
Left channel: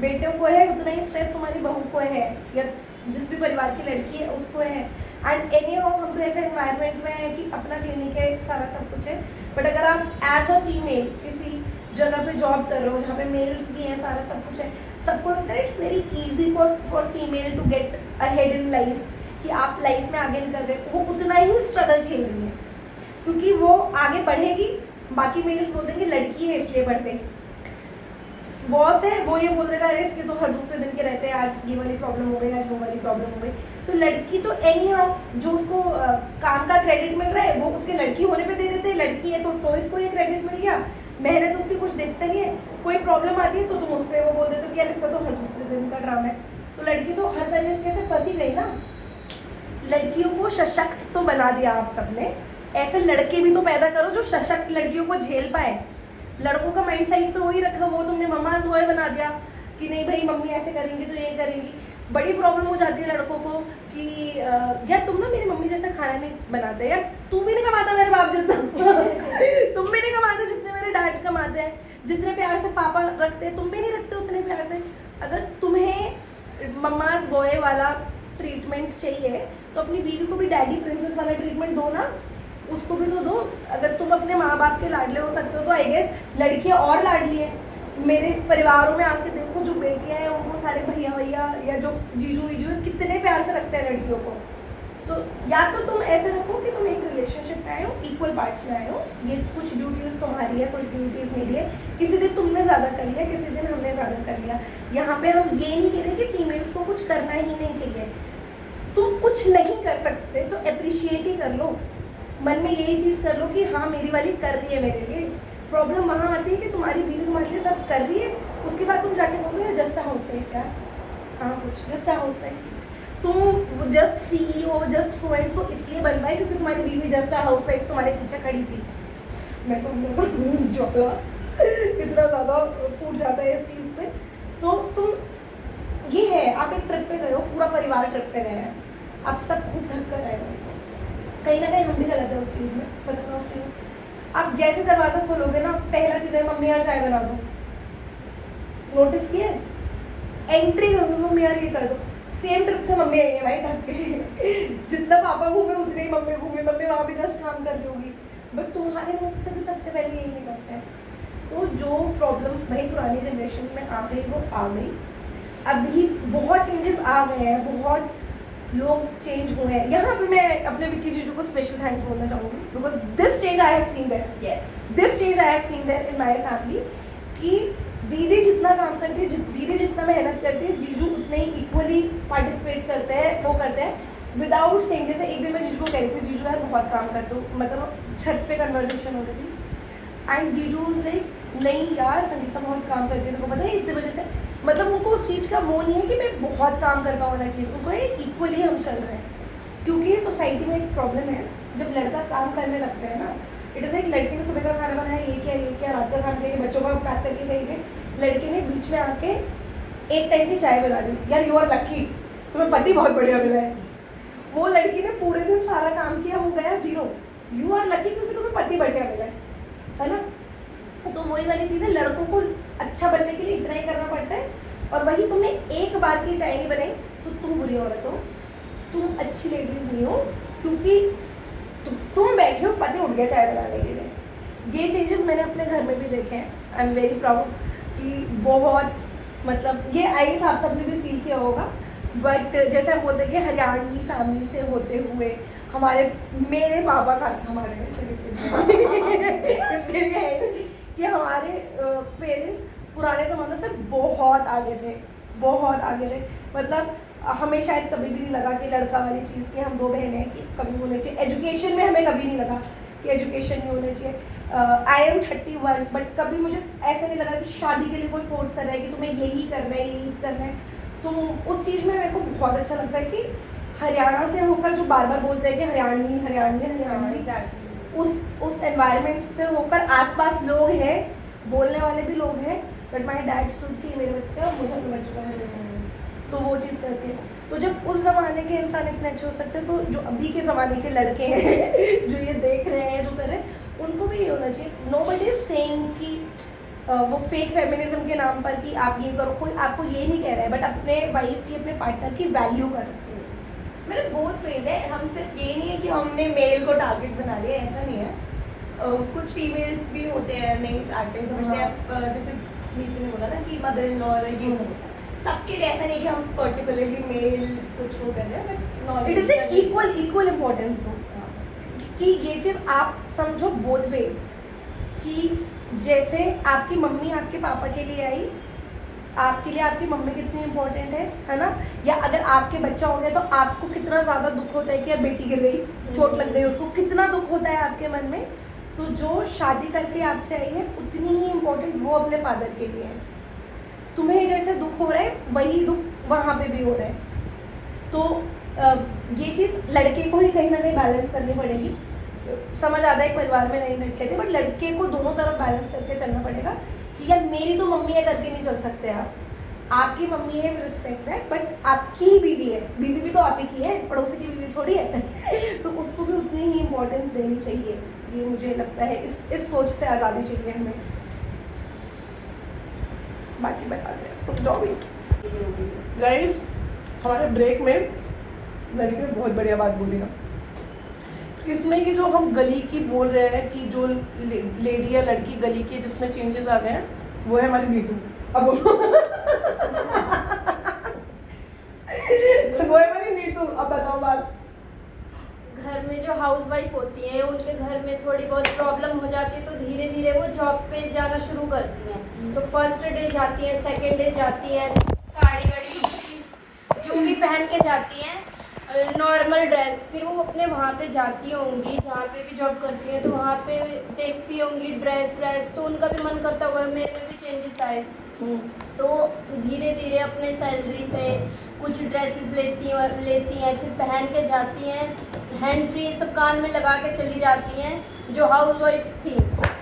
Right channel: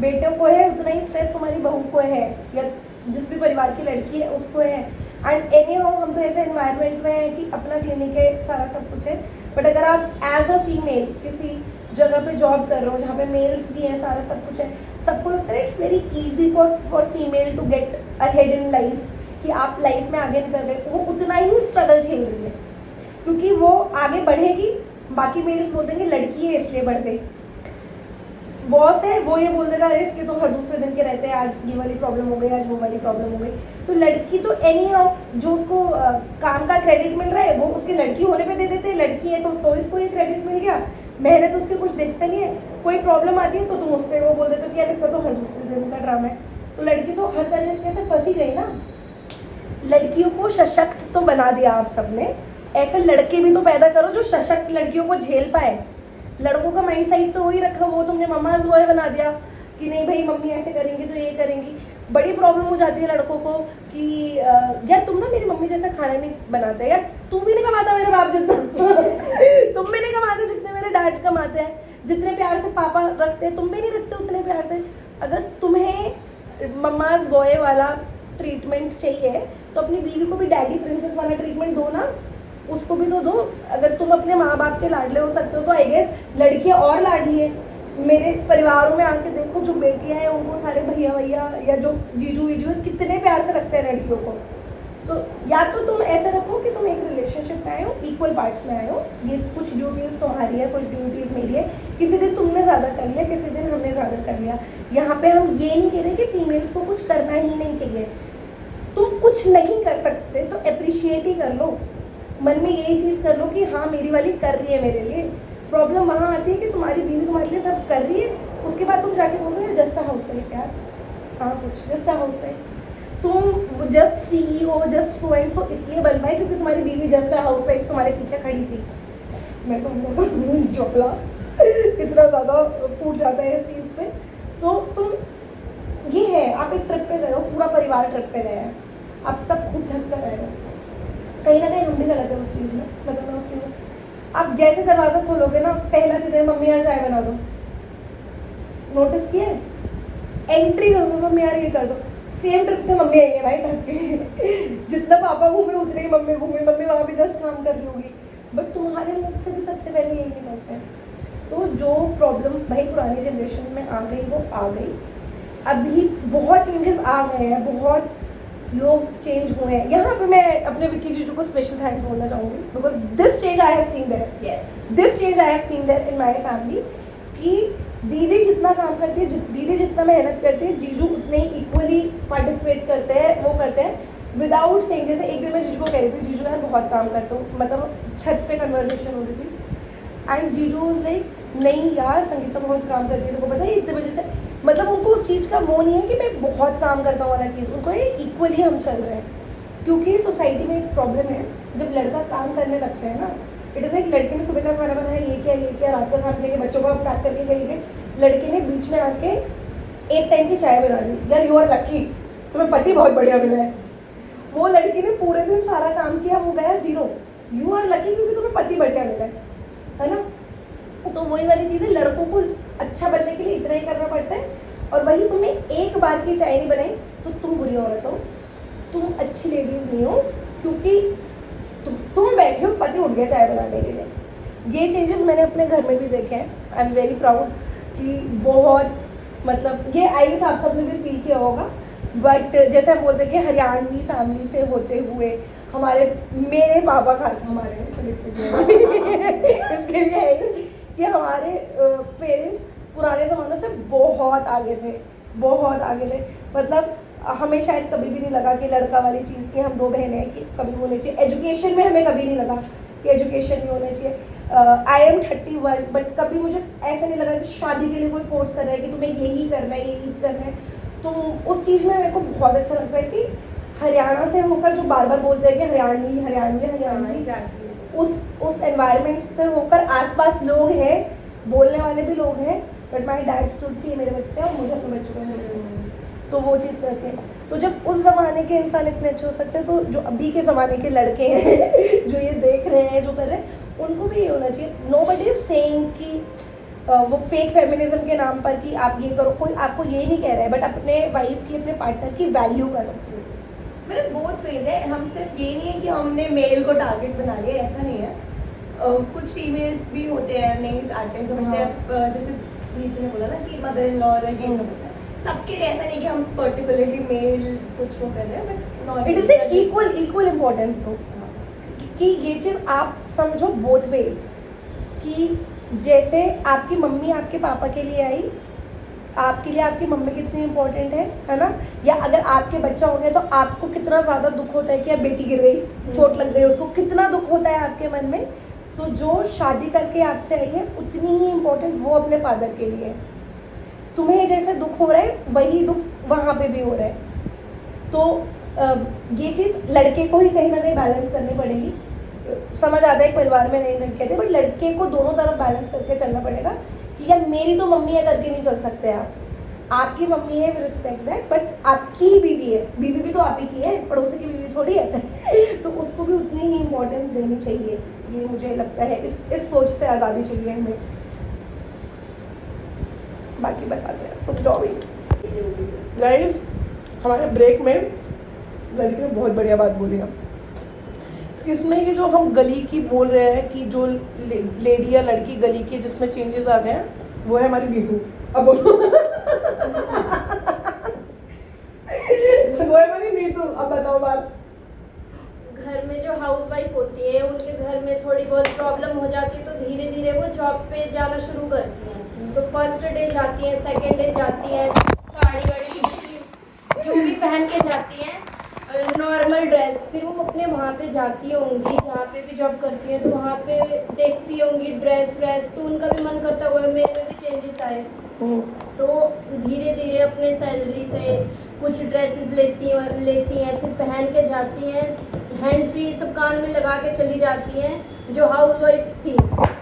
बेटे को है उतना ही स्ट्रेस तुम्हारी बहू को है, या जिस भी परिवार की लड़की है उसको है। एंड एनी हाउ हम तो ऐसे एनवायरनमेंट में है कि अपना क्लिनिक है, सारा सब कुछ है। बट अगर आप एज अ फीमेल किसी जगह पे जॉब कर रहे हो जहाँ पे मेल्स भी हैं, सारा सब कुछ है, सबको लगता है it's very easy for female to get ahead in life, कि आप लाइफ में आगे निकल रहे। वो उतना ही स्ट्रगल झेल रही है, क्योंकि वो आगे बढ़ेगी। बाकी मेल्स बोल देंगे लड़की है इसलिए बढ़ गई, बॉस है वो ये बोल देगा अरे इसके तो हर दूसरे दिन के रहते हैं, आज ये वाली प्रॉब्लम हो गई, आज वो वाली प्रॉब्लम हो गई। तो लड़की तो एनी हाउ जो उसको काम का क्रेडिट मिल रहा है वो उसके लड़की होने पे दे देते हैं। लड़की है तो इसको ये क्रेडिट मिल गया, मेहनत उसकी कुछ देखता नहीं है। कोई प्रॉब्लम आती है तो तुम उस पर वो बोल देते हो कि यार इसका तो हर दूसरे दिन का ड्रामा है। तो लड़की तो हर तरीके से फंसी गई ना। लड़कियों को सशक्त तो बना दिया आप सबने, ऐसे लड़के भी तो पैदा करो जो सशक्त लड़कियों को झेल पाए। लड़कों का माइंड सेट तो वही रखा, वो तुमने मम्माज बॉय बना दिया कि नहीं भाई मम्मी ऐसे करेंगी तो ये करेंगी। बड़ी प्रॉब्लम हो जाती है लड़कों को कि यार तुम ना मेरी मम्मी जैसा खाना नहीं बनाते, यार तू भी नहीं कमाता मेरे बाप जितना तुम भी नहीं कमाते जितने मेरे डैड कमाते हैं, जितने प्यार से पापा रखते हैं तुम भी नहीं रखते उतने प्यार से। अगर तुम्हें मम्माज बॉय वाला ट्रीटमेंट चाहिए तो अपनी बीवी को भी डैडी प्रिंसेस वाला ट्रीटमेंट दो ना, उसको भी तो दो। अगर तुम अपने माँ बाप के लाडले हो सकते हो तो आई गेस लड़कियाँ और लाडली है। मेरे परिवारों में आके देखो जो बेटियाँ हैं उनको सारे भैया या जो जीजू वीजू है कितने प्यार से रखते हैं लड़कियों को। तो या तो तुम ऐसे रखो कि तुम एक रिलेशनशिप में आए हो, इक्वल पार्ट्स में आए हो, ये कुछ ड्यूटीज़ तुम्हारी है, कुछ ड्यूटीज़ मेरी है। किसी दिन तुमने ज़्यादा कर लिया, किसी दिन हमने ज़्यादा कर लिया। यहाँ पे हम ये नहीं कह रहे कि फीमेल्स को कुछ करना ही नहीं चाहिए। तुम कुछ नहीं कर सकते तो अप्रिशिएट ही कर लो, मन में यही चीज़ कर लो कि हाँ मेरी वाली कर रही है मेरे लिए। प्रॉब्लम वहाँ आती है कि तुम्हारी बीवी तुम्हारे लिए सब कर रही है, उसके बाद तुम जाके बोलो यार जस्ट अ हाउस वाइफ, यार कहाँ कुछ जस्ट अ हाउस वाइफ। तुम just CEO just so and so इसलिए बन पाए क्योंकि तुम्हारी बीवी जस्ट अ हाउस वाइफ तुम्हारे पीछे खड़ी थी। मैं तो ज्वाला इतना ज़्यादा फूट जाता है इस चीज़ पे। तो तुम ये है, आप एक ट्रिप पे गए हो, पूरा परिवार ट्रिप पे गया है, आप सब खुद थक कर रहे हो, कहीं ना कहीं हम भी गलत है उस चीज़ में, मतलब उस चीज़ में। आप जैसे दरवाज़ा खोलोगे ना पहला चीज़ है मम्मी यार चाय बना दो, नोटिस किया एंट्री होगी मम्मी यार ये कर दो। सेम ट्रिप से मम्मी आई है भाई थक के जितना पापा घूमे उतने ही मम्मी घूमी, मम्मी वहाँ भी 10 काम कर रही होगी, बट तुम्हारे मुख से भी सबसे पहले यही निकलता है। तो जो प्रॉब्लम भाई पुरानी जनरेशन में आ गई वो आ गई, अभी बहुत चेंजेस आ गए हैं, बहुत लोग चेंज हुए हैं। यहाँ पे मैं अपने विक्की जीजू को स्पेशल थैंक्स बोलना चाहूँगी because this change I have seen there, this change I have seen there in my family कि दीदी जितना काम करती है, दीदी जितना मेहनत करती है, जीजू उतने ही इक्वली पार्टिसिपेट करते हैं, वो करते हैं विदाउट सेइंग। जैसे एक दिन मैं जीजू को कह रही थी जीजू यार बहुत काम करते हो, मतलब छत पे कन्वर्सेशन हो रही थी एंड जीजू वाज लाइक नहीं यार संगीता बहुत काम करती है, तेरे को पता है इतने वजह से, मतलब उनको उस चीज़ का वो नहीं है कि मैं बहुत काम करता हूँ वाला चीज़, उनको ये इक्वली हम चल रहे हैं। क्योंकि सोसाइटी में एक प्रॉब्लम है, जब लड़का काम करने लगता है ना, इट इज़ लाइक लड़के ने सुबह का खाना बनाया ये किया रात का खाना लेके बच्चों को पैक करके कहीं गए, लड़के ने बीच में आके एक टाइम की चाय बना दी, यार यू आर लक्की तुम्हें पति बहुत बढ़िया मिला है। वो लड़की ने पूरे दिन सारा काम किया, वो गया 0, यू आर लक्की क्योंकि तुम्हें पति बढ़िया मिला है ना। तो वही वाली चीज़ है, लड़कों को अच्छा बनने के लिए इतना ही करना पड़ता है, और वही तुमने एक बार की चाय नहीं बनाई तो तुम बुरी औरत हो, तुम अच्छी लेडीज़ नहीं हो, क्योंकि तुम बैठे हो पति उठ गया चाय बनाने के लिए। ये चेंजेस मैंने अपने घर में भी देखे हैं, आई एम वेरी प्राउड कि बहुत मतलब ये आई आप सबने भी फील किया होगा। बट जैसे हम बोलते हैं कि हरियाणवी फैमिली से होते हुए मेरे पापा खास हमारे इसके लिए है कि हमारे पेरेंट्स पुराने ज़माने से बहुत आगे थे, बहुत आगे थे। मतलब हमें शायद कभी भी नहीं लगा कि लड़का वाली चीज़ की हम 2 बहनें हैं कि कभी होनी चाहिए। एजुकेशन में हमें कभी नहीं लगा कि एजुकेशन में होनी चाहिए। आई एम 31 बट कभी मुझे ऐसा नहीं लगा कि शादी के लिए कोई फोर्स कर रहा है कि तुम्हें यही करना है यही करना है। तो उस चीज़ में मेरे को बहुत अच्छा लगता है कि हरियाणा से होकर जो बार बार बोलते हैं कि हरियाणवी हरियाणवी हरियाणवी, उस एनवायरनमेंट से होकर आसपास लोग हैं, बोलने वाले भी लोग हैं, बट माई डैड स्टूड की मेरे बच्चे और मुझे अपने बच्चों का मेरे से। तो वो चीज़ करके, तो जब उस ज़माने के इंसान इतने अच्छे हो सकते हैं, तो जो अभी के ज़माने के लड़के हैं जो ये देख रहे हैं, जो कर रहे हैं, उनको भी ये होना चाहिए। नोबडी इज सेइंग कि वो फेक फेमिनिज्म के नाम पर कि आप ये करो, कोई आपको ये नहीं कह रहा है, बट अपने वाइफ की, अपने पार्टनर की वैल्यू करो। मतलब बोथ वेज है, हम सिर्फ ये नहीं है कि हमने मेल को टारगेट बना लिया, ऐसा नहीं है। कुछ फीमेल्स भी होते हैं नहीं एक्टिंग समझते हैं, जैसे नीतू ने बोला ना कि मदर इन लॉ ये सब होता है, सबके लिए ऐसा नहीं कि हम पर्टिकुलरली मेल कुछ वो कर रहे हैं, but not it is equal importance हो कि ये चीज़ आप समझो बोथ वेज, कि जैसे आपकी मम्मी आपके पापा के लिए आई, आपके लिए आपकी मम्मी कितनी इंपॉर्टेंट है ना, या अगर आपके बच्चा हो गया तो आपको कितना ज़्यादा दुख होता है कि अब बेटी गिर गई, चोट लग गई, उसको कितना दुख होता है आपके मन में। तो जो शादी करके आपसे आई है उतनी ही इम्पोर्टेंट वो अपने फादर के लिए है। तुम्हें जैसे दुख हो रहा है वही दुख वहाँ पे भी हो रहा है। तो ये चीज़ लड़के को ही कहीं ना कहीं बैलेंस करनी पड़ेगी। समझ आता है एक परिवार में नहीं लड़के थे, बट लड़के को दोनों तरफ बैलेंस करके चलना पड़ेगा कि यार मेरी तो मम्मी है करके नहीं चल सकते आप, आपकी मम्मी है रिस्पेक्ट दैट, बट आपकी ही बीवी है, बीवी भी तो आप ही की है, पड़ोसी की बीवी थोड़ी है तो उसको भी उतनी ही इम्पोर्टेंस देनी चाहिए। ये मुझे लगता है इस सोच से आज़ादी चाहिए हमें। बाकी बताते हैं कुछ जो भी। गाइस हमारे ब्रेक में लड़की ने बहुत बढ़िया बात बोली है, इसमें ये जो हम गली की बोल रहे हैं कि जो लेडी या लड़की गली की जिसमें चेंजेस आ गए हैं, वो है हमारी नीतू। अब वो है हमारी नीतू। अब बताओ बात। घर में जो हाउस वाइफ होती है उनके घर में थोड़ी बहुत प्रॉब्लम हो जाती है, तो धीरे धीरे वो जॉब पे जाना शुरू करती हैं। तो फर्स्ट डे जाती हैं, सेकंड डे जाती हैं, साड़ी वाड़ी जो भी पहन के जाती हैं, नॉर्मल ड्रेस, फिर वो अपने वहाँ पे जाती होंगी जहाँ पे भी जॉब करती हैं, तो वहाँ पे देखती होंगी ड्रेस व्रेस, तो उनका भी मन करता हुआ मेरे में भी चेंजेस आए। तो धीरे धीरे अपने सैलरी से कुछ ड्रेसेस लेती हैं, फिर पहन के जाती हैं, हैंड फ्री सब कान में लगा के चली जाती हैं। जो हाउस वाइफ थी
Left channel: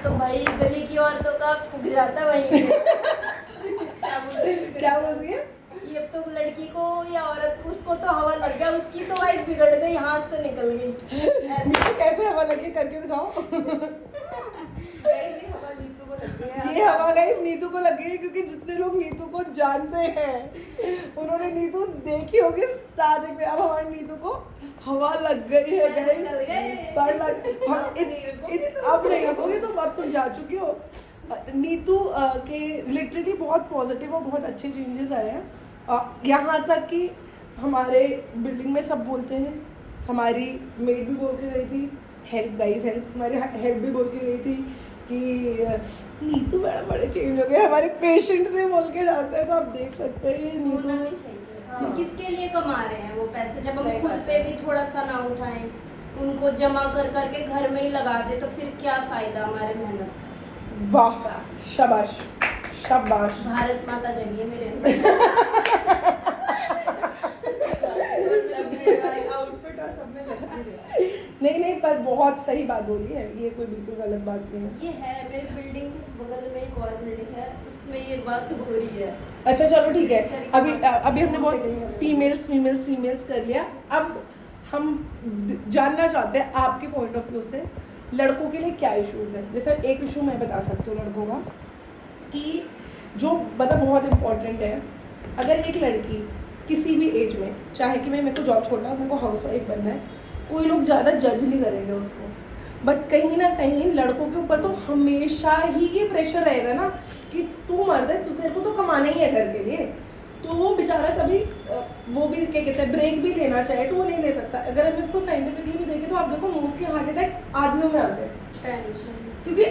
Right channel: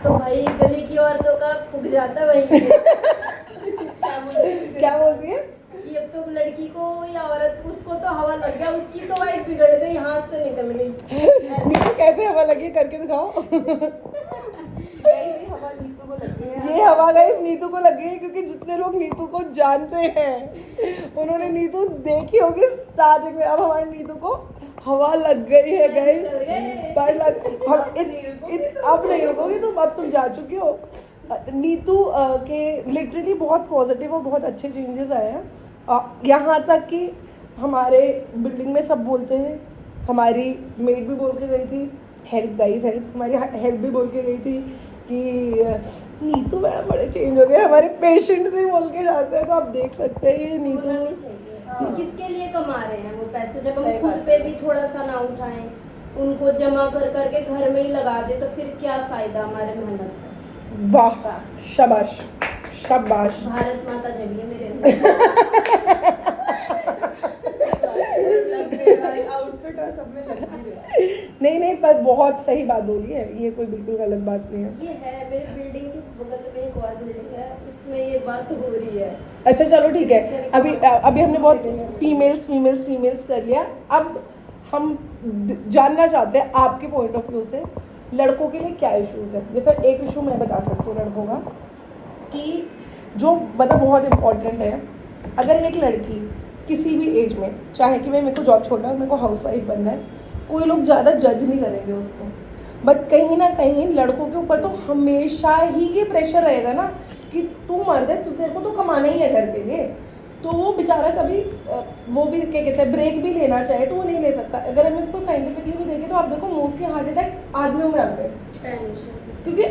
तो भाई गली की औरतों का फूक जाता वहीं क्या बोलती है कि अब तो लड़की को या औरत उसको तो हवा लग गया, उसकी तो वाइफ बिगड़ गई, हाथ से निकल गई। कैसे हवा लगी करके दिखाओ। ये हवा नीतू को लग गई है। ये हवा गाइस नीतू को लगी है, क्योंकि जितने लोग नीतू को जानते हैं उन्होंने नीतू देखी होगी स्टार्टिंग में। अब हमारी नीतू को हवा लग गई है गाइस, अब नहीं रखोगे तुम, अब तुम जा चुकी हो। नीतू के लिटरली बहुत पॉजिटिव और बहुत अच्छे चेंजेस आए हैं। यहाँ तक कि हमारे बिल्डिंग में सब बोलते हैं, हमारी मेड भी बोल के गई थी हेल्प गाइस हेल्प, हमारी हेल्प भी बोल के गई थी कि नीतू बड़े चेंज हो गए। हमारे पेशेंट्स भी बोल के जाते हैं, तो आप देख सकते हैं ये होना भी नीतू। चाहिए। फिर किसके लिए कमा रहे हैं वो पैसे, जब हम खुद पे भी थोड़ा सा ना उठाएं, उनको जमा कर करके घर में ही लगा दे, तो फिर क्या फायदा हमारे मेहनत का। वाह शाबाश शाबाश। भारत माता जगिए मेरे अंदर। आउटफिट और सब में लग रही है। नहीं पर बहुत सही बात बोली है, ये कोई बिल्कुल गलत बात नहीं है। ये है मेरे बिल्डिंग के बगल में एक और बिल्डिंग है, उसमें ये बात हो रही है। अच्छा चलो ठीक है, अभी हमने बहुत फीमेल्स कर लिया। अब हम जानना चाहते हैं आपके पॉइंट ऑफ व्यू से लड़कों के लिए क्या इश्यूज है। जैसे एक इशू मैं बता सकती हूँ लड़कों का, कि जो मतलब बहुत इम्पोर्टेंट है, अगर एक लड़की किसी भी एज में चाहे कि मेरे को जॉब छोड़ना है, मेरे को हाउसवाइफ बनना है, कोई लोग ज़्यादा जज नहीं करेंगे उसको, बट कहीं ना कहीं लड़कों के ऊपर तो हमेशा ही ये प्रेशर रहेगा ना कि तू मर्द है, तू तेरे को तो कमाना ही है घर के लिए। तो वो बेचारा कभी वो भी क्या कहते हैं ब्रेक भी लेना चाहे तो वो नहीं ले सकता। अगर हम इसको साइंटिफिकली भी देखें तो आप देखो मोस्टली हार्ट अटैक आदमियों में आते हैं, क्योंकि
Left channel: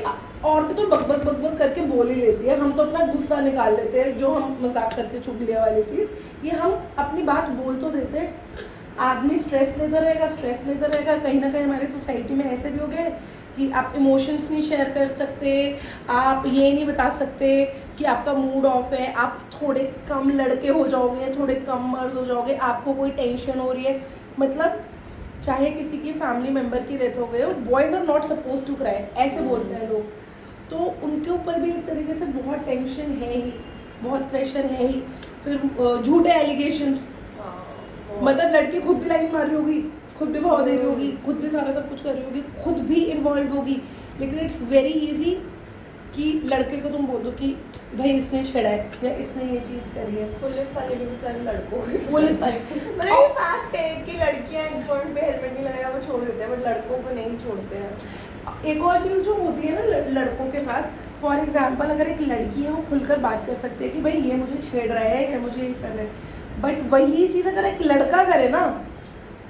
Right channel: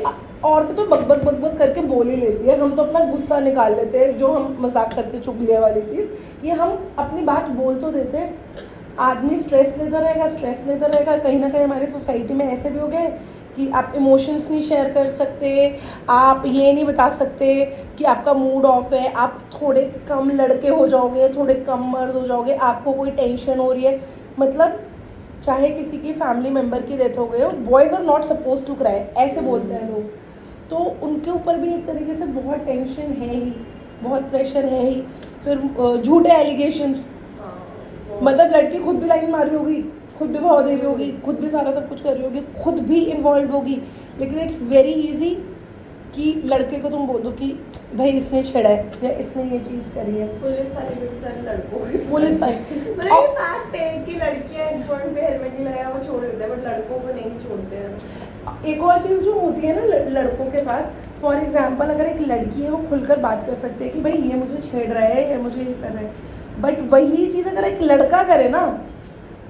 औरतें तो बक करके बोल ही लेती है, हम तो अपना गुस्सा निकाल लेते हैं, जो हम मजाक करके चुगलिया वाली चीज़, ये हम अपनी बात बोल तो देते हैं। आदमी स्ट्रेस लेता रहेगा, कहीं ना कहीं हमारी सोसाइटी में ऐसे भी हो गया है कि आप इमोशंस नहीं शेयर कर सकते, आप ये नहीं बता सकते कि आपका मूड ऑफ है, आप थोड़े कम लड़के हो जाओगे, थोड़े कम मर्द हो जाओगे, आपको कोई टेंशन हो रही है, मतलब चाहे किसी की फैमिली मेम्बर की डेथ हो गई हो, boys are not suppose to cry, ऐसे बोलते हैं लोग। तो उनके ऊपर भी एक तरीके से बहुत टेंशन है ही, बहुत प्रेशर है ही। फिर झूठे एलिगेशंस, मतलब लड़की खुद भी लाइन मार रही होगी, खुद भी भाव दे रही होगी, खुद भी सारा सब कुछ कर रही होगी, खुद भी इन्वॉल्व होगी, लेकिन इट्स वेरी इजी कि लड़के को तुम बोल दो कि भाई इसने छेड़ा है या इसने ये चीज़ करी है। पुलिस वाले भी बेचारे लड़कों को पुलिस वाले मतलब ये फैक्ट है कि लड़कियां एक पॉइंट पे हेलमेट नहीं लगाया वो छोड़ देते हैं, बट लड़कों को नहीं छोड़ते हैं। एक और चीज़ जो होती है ना लड़कों के साथ, फॉर एग्जांपल अगर एक लड़की है वो खुलकर बात कर सकती है कि भाई ये मुझे छेड़ रहा है या मुझे ये कर रहा है, बट वही चीज़ अगर एक लड़का करे ना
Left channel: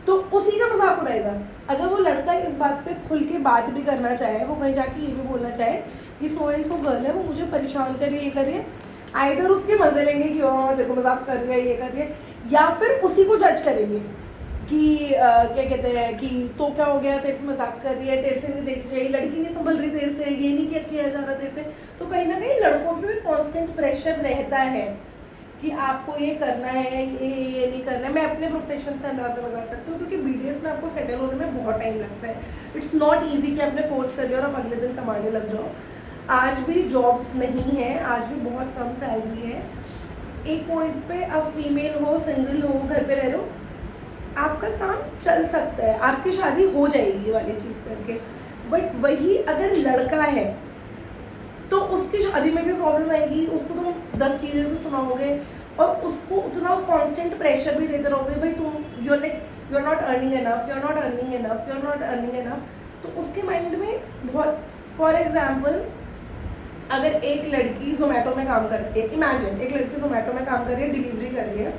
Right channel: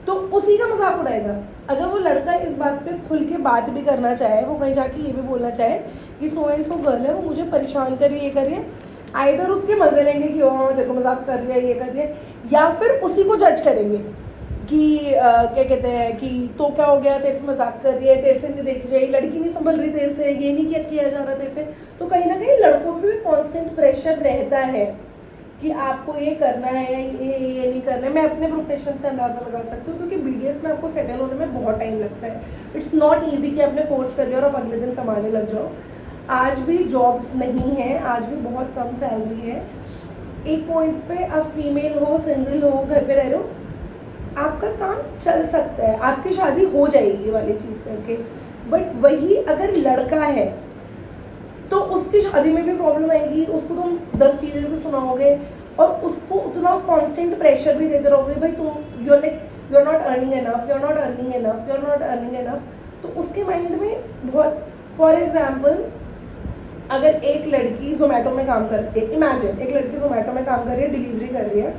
तो उसी का मजाक उड़ाएगा। अगर वो लड़का इस बात पे खुल के बात भी करना चाहे, वो कहीं जाके ये भी बोलना चाहे कि सो एंड सो गर्ल है, वो मुझे परेशान कर रही है, ये कर रही है, आइदर उसके मजे लेंगे कि हाँ देखो मजाक कर रही है, ये कर रही है, या फिर उसी को जज करेंगे कि क्या कहते हैं कि तो क्या हो गया, तेरे से मजाक कर रही है, तेरे से नहीं देखी चाहिए, लड़की नहीं संभल रही तेरे से, ये नहीं किया जा रहा तेरे से। तो कहीं ना कहीं लड़कों पे भी कॉन्स्टेंट प्रेशर रहता है कि आपको ये करना है, ये नहीं करना है। मैं अपने प्रोफेशन से अंदाज़ा लगा सकती हूँ क्योंकि बीडीएस में आपको सेटल होने में बहुत टाइम लगता है। इट्स नॉट ईजी कि आपने कोर्स कर लिया और आप अगले दिन कमाने लग जाओ। आज भी जॉब्स नहीं है, आज भी बहुत कम सैलरी है। एक पॉइंट पे आप फीमेल हो, सिंगल हो, घर पे रह रहे हो, आपका काम चल सकता है, आपकी शादी हो जाएगी वाली चीज़ करके। बट वही अगर लड़का है तो उसकी शादी में भी प्रॉब्लम आएगी, उसको तुम 10 चीज़ें भी सुनाओगे और उसको उतना कांस्टेंट प्रेशर भी देते रहोगे, भाई तुम you are not earning enough, you are not earning enough, you are not earning enough. तो उसके माइंड में बहुत, फॉर एग्जाम्पल अगर एक लड़की जोमेटो में काम करती है, इमेजिन एक लड़की जोमेटो में काम कर रही है, डिलीवरी कर रही है,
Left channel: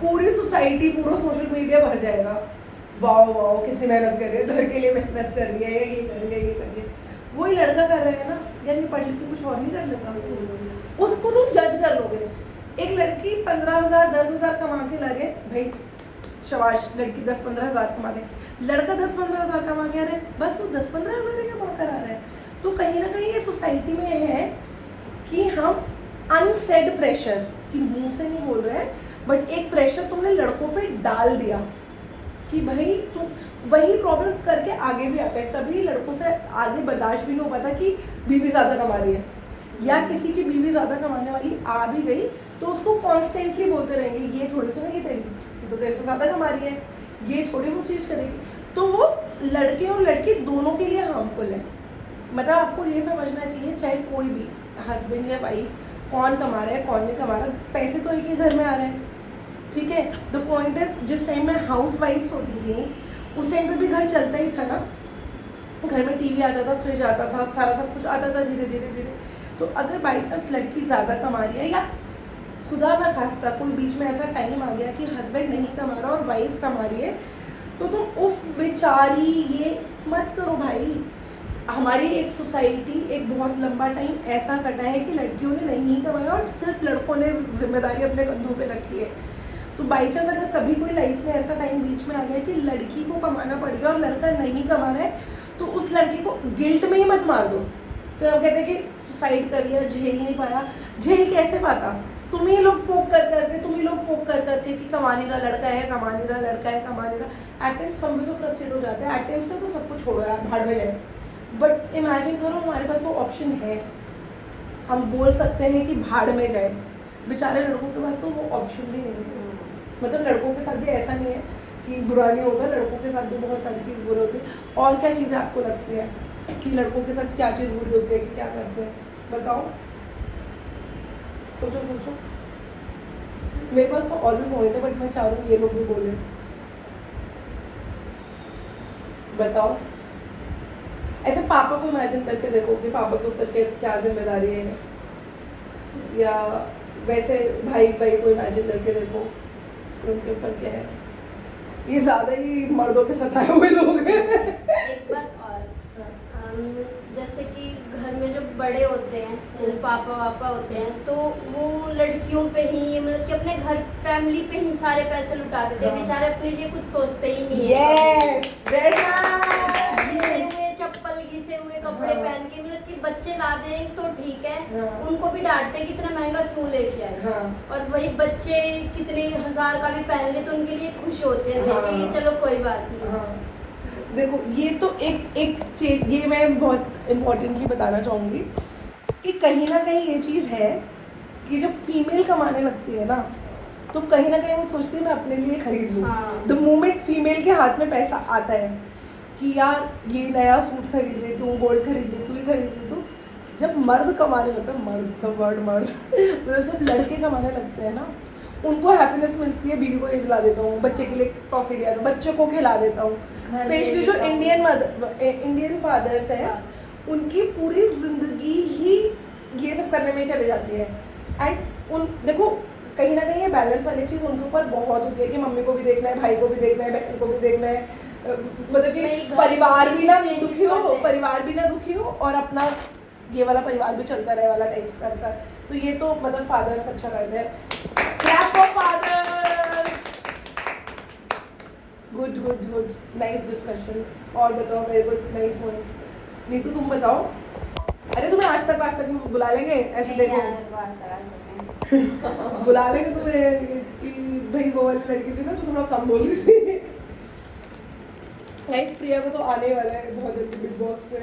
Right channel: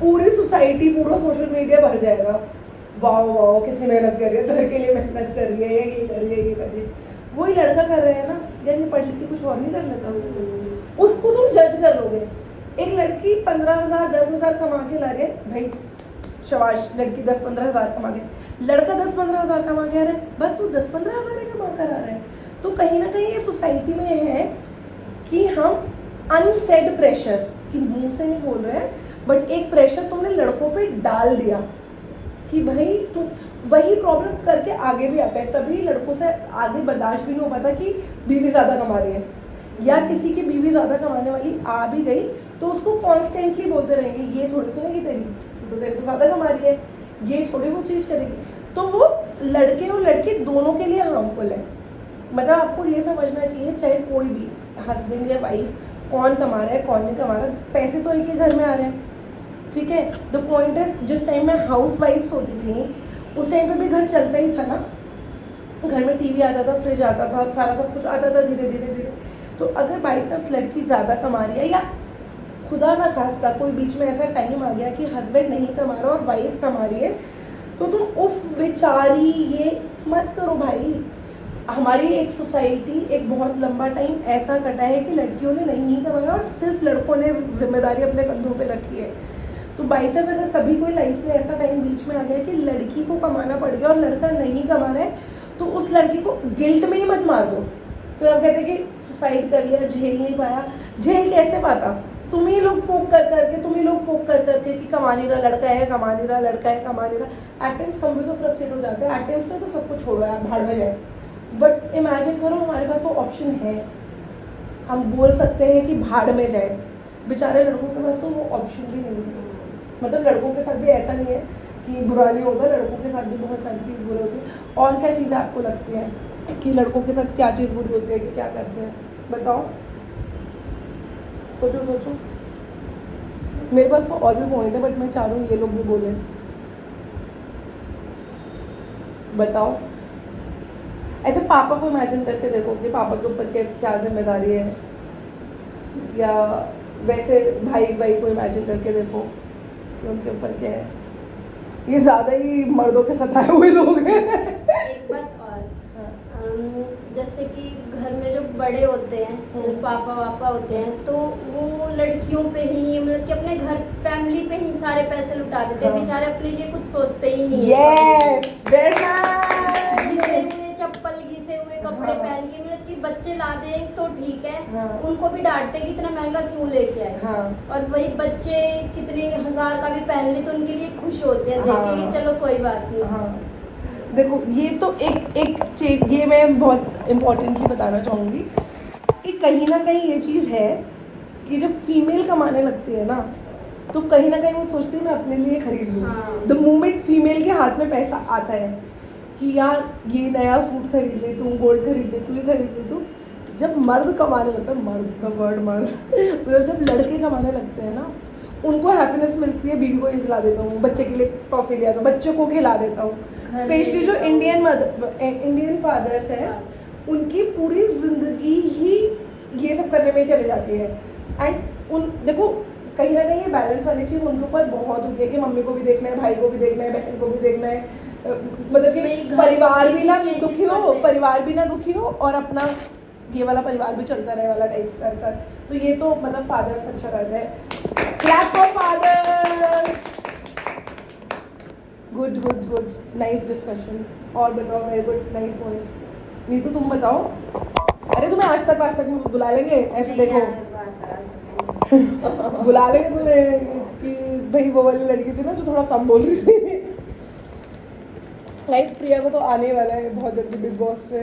पूरी सोसाइटी, पूरा सोशल मीडिया भर जाएगा, वाओ वाओ कितनी मेहनत कर रही है, घर के लिए मेहनत कर रही है, ये कर रही है, ये कर रही है। वही लड़का कर रहा है ना, यार ये पढ़ लिख के कुछ और नहीं कर लेता, उसको तुम जज कर लोगे। एक लड़की 15,000 10,000 कमा के ला रही है, भाई शाबाश, लड़की 10-15 हज़ार कमा के, लड़का 10-15 हज़ार कमा के आ रहा है, बस वो 10-15 हज़ार ही कमा कर आ रहा है। तो कहीं ना कहीं ये सोसाइटी में है कि हम अनसेड प्रेशर, कि मुंह से नहीं बोल रहे हैं, बट एक प्रेशर तुमने लड़कों पे डाल दिया कि भाई तुम, वही प्रॉब्लम करके आगे भी आता है। तभी लड़कों से आगे बर्दाश्त भी नहीं हो पाता कि बीवी ज़्यादा कमा रही है, या किसी की बीवी ज़्यादा कमाने वाली आ भी गई तो उसको कॉन्स्टेंटली बोलते रहेंगे, ये थोड़ी सुनेगी तेरी, तो तेरे से ज़्यादा कमा रही है, ये थोड़ी वो चीज़ करेगी। तो वो लड़के और लड़की दोनों के लिए हार्मफुल है। मतलब आपको ये समझना चाहिए, चाहे कोई भी हस्बैंड या वाइफ, कौन कमा रहा है कौन नहीं कमा रहा, पैसे तो एक ही घर में आ रहे हैं, ठीक है। द पॉइंट इज, जिस टाइम में हाउस वाइफ्स होती थी उस टाइम पे भी घर चलता ही था ना, घर में टीवी आता था, फ्रिज आता था, सारा सब कुछ आता था धीरे धीरे धीरे। तो अगर बाई चांस लड़की ज़्यादा कमा रही है, या खुदा ना खास्ता कोई बीच में ऐसा टाइम आ गया कि हस्बैंड नहीं कमा रहा और वाइफ कमा रही है, तो तुम उफ बेचारी ये मत करो भाई। हमारी एक सोसाइटी एक बहुत लंबा टाइम ऐसा कटा है कि लड़कियों ने नहीं कमाया और सिर्फ लड़कों ने जिम्मेदारी अपने कंधों पे रखी है। तो बाई चांस अगर कभी कोई लाइफ में ऐसा टाइम बीच में आ गया कि लड़की को कमाना पड़ गया और लड़का नहीं कमा रहा है, तो उस लड़की को गिल्ट में ही मत मार दो। फिर हम कहते हैं कि सुसाइड कर लिया, झेल नहीं पाया। झेल कैसे पाता? तुम ही लोग पोक कर करके कि कमा नहीं रहा लड़का है, कमा नहीं रहा लड़का है, कमा नहीं रहा। एट टाइम्स हम भी तो फ्रस्ट्रेट हो जाते हैं, एट टाइम्स में तो सब कुछ छोड़ो यार, भाड़ में जाए। बट इमेजिन करो हमारे पास वो ऑप्शन है, हम बोल सकते हैं कि भाड़ में जाए। बेचारे लड़कों के पास तो वो ऑप्शन भी नहीं है। मतलब लड़कों के साथ भी ऐसा नहीं है कि बुरा नहीं होता, लड़कों के साथ भी बहुत सारी चीज़ बुरी होती है। और क्या चीज़ें आपको लगती है कि लड़कों के साथ क्या चीज़ बुरी होती है, कि क्या करते हैं, बताओ, सोचो। मेरे पास तो और भी पॉइंट है, बट मैं चाह रही हूँ ये लोग भी बोले। बताओ, ऐसे पापा को इमेजिन करके देखो कि पापा के ऊपर क्या जिम्मेदारी है, या वैसे भाई को इमेजिन करके देखो उनके ऊपर क्या है। ये ज़्यादा ही मर्दों के सताए हुए लोग हैं। एक बात और, जैसे कि घर में जो बड़े होते हैं, मतलब पापा वापा होते हैं, तो वो लड़कियों पे ही, मतलब कि अपने घर फैमिली पे ही सारे पैसे लुटा देते हैं। बेचारे अपने लिए कुछ सोचते ही नहीं है। Yes, very nice. गिरे हुए चप्पल कपड़े पहन के, मतलब कि बच्चे ला दें तो ठीक है, हाँ। उनको भी डांटते हैं कि इतना महंगा क्यों लेके आए। हाँ। और वही बच्चे कितने हजार का भी पहन ले तो उनके लिए खुश होते हैं, बेचे हाँ। चलो कोई बात नहीं। हाँ देखो ये तो एक चीज, ये मैं बहुत इम्पोर्टेंटली बताना चाहूँगी कि कहीं ना कहीं ये चीज़ है कि जब फीमेल कमाने लगती है ना तो कहीं ना कहीं वो सोचती है मैं अपने लिए खरीद लूँ। हाँ। द मोमेंट फीमेल के हाथ में पैसा आता है कि यार ये नया सूट खरीद ले तू, गोल्ड खरीद ले तू, ये खरीद ले तू, जब मर्द कमाने लगता है, मर्द द वर्ड मर्द मतलब जब लड़के कमाने लगते हैं ना उनको हैप्पीनेस मिलती है, बीवी को ये दिला देता हूँ, बच्चे के लिए टॉफी दिया दो, बच्चे को खिला देता हूँ। स्पेशली जो इंडियन फादर्स हैं उनकी पूरी जिंदगी ही ये सब करने में ही चली जाती है। एंड उन देखो कहीं ना कहीं ये बैलेंस वाली चीज़ उनके ऊपर बहुत होती है कि मम्मी को भी देखना है, भाई को भी देखना है, बहन को भी देखना है, मतलब कि परिवार भी ना दुखी हो, परिवार भी ना दुखी हो और अपना ये वाला परिवार भी चलता रहे वाला टाइप्स कर। तो ये तो मतलब फादर्स अच्छा करते हैं। Clap for fathers. Good good good, nice discussion. और बताओ, very good, nice point. Neetu तुम बताओ। अरे तुम्हें आज तक बुला लेंगे, ऐसे देखो बुला लेंगे तुम्हें कि भाई वो वाली लड़की थी ना जो थोड़ा कम बोल रही थी। गाइस प्रिया को तो आने वाला है बहुत जल्दी बिग बॉस से,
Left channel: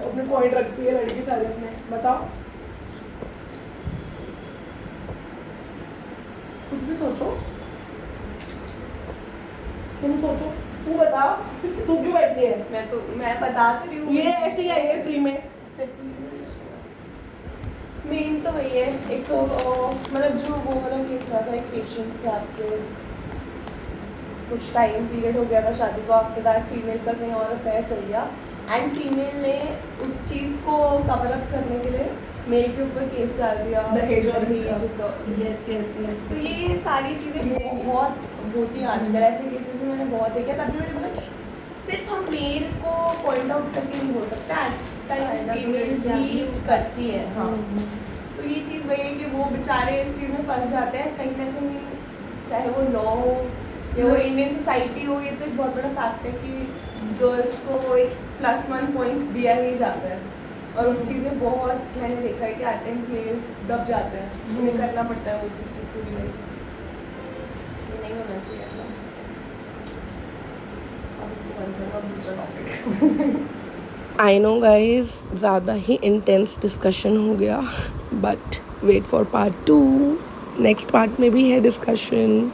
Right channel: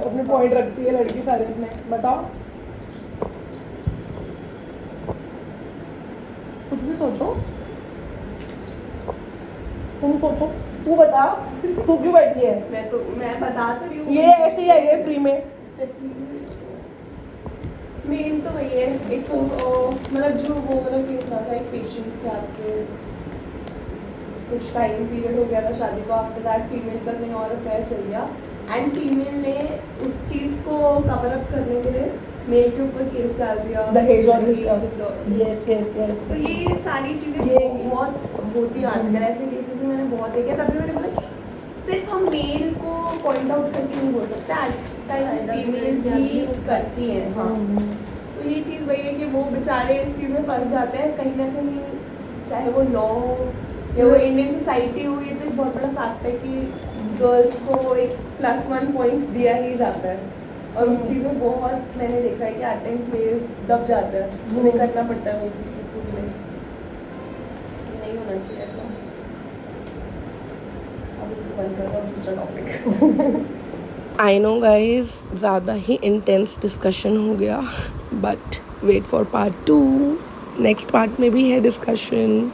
अपने पॉइंट रखती है लड़की सारे अपने। बताओ कुछ भी सोचो, तुम सोचो, तू बता, तू क्यों बैठी है? मैं बता तो रही हूँ, ये ऐसी है ये फ्री में। मेन तो वही है, एक तो मतलब जो वो वाला केस रहा था, एक पेशेंट थे आपके, कुछ टाइम पीरियड हो गया था शादी को, आफ्टर दैट फीमेल का कहीं और अफेयर चल गया एंड फीमेल ने उस चीज़ को कवर अप करने के लिए मेल के ऊपर केस डाल दिया, दहेज वाली दहेज stuff। Yes yes yes. तो ये सारी चीज़ें बहुत होती हैं आजकल, ऐसे केसेस में मैंने बहुत देखा। तभी मैंने बोला कि सिर्फ हम मेल को पॉइंट आउट करके नहीं बोल सकते, एट टाइम्स फीमेल भी करती है। हाँ, तो ये चीज़ वही है कि वो बेचारे इस चीज़ में फंस जाते हैं कहीं ना कहीं, चाहे वो लॉ हो या वो इंडियन सोसाइटी हो। ये तो एक बहुत बड़ा फैक्ट है कि गर्ल्स को एक +1 पॉइंट दिया ही जाता है और उस चीज़ में बहुत मैंने देखा है कि एट टाइम्स मेल्स दब जाते हैं, उन्हें करना पड़ता है वो चीज़ को पूरी लाइफ। नहीं होना चाहिए ऐसा। अब इसको बंद कर दो, अब दूसरा टॉपिक। आई नो गाइज ज़्यादा ही इंटेंस डिस्कशन हो गया, but wait for part 2। Next part में भी है डिस्कशन।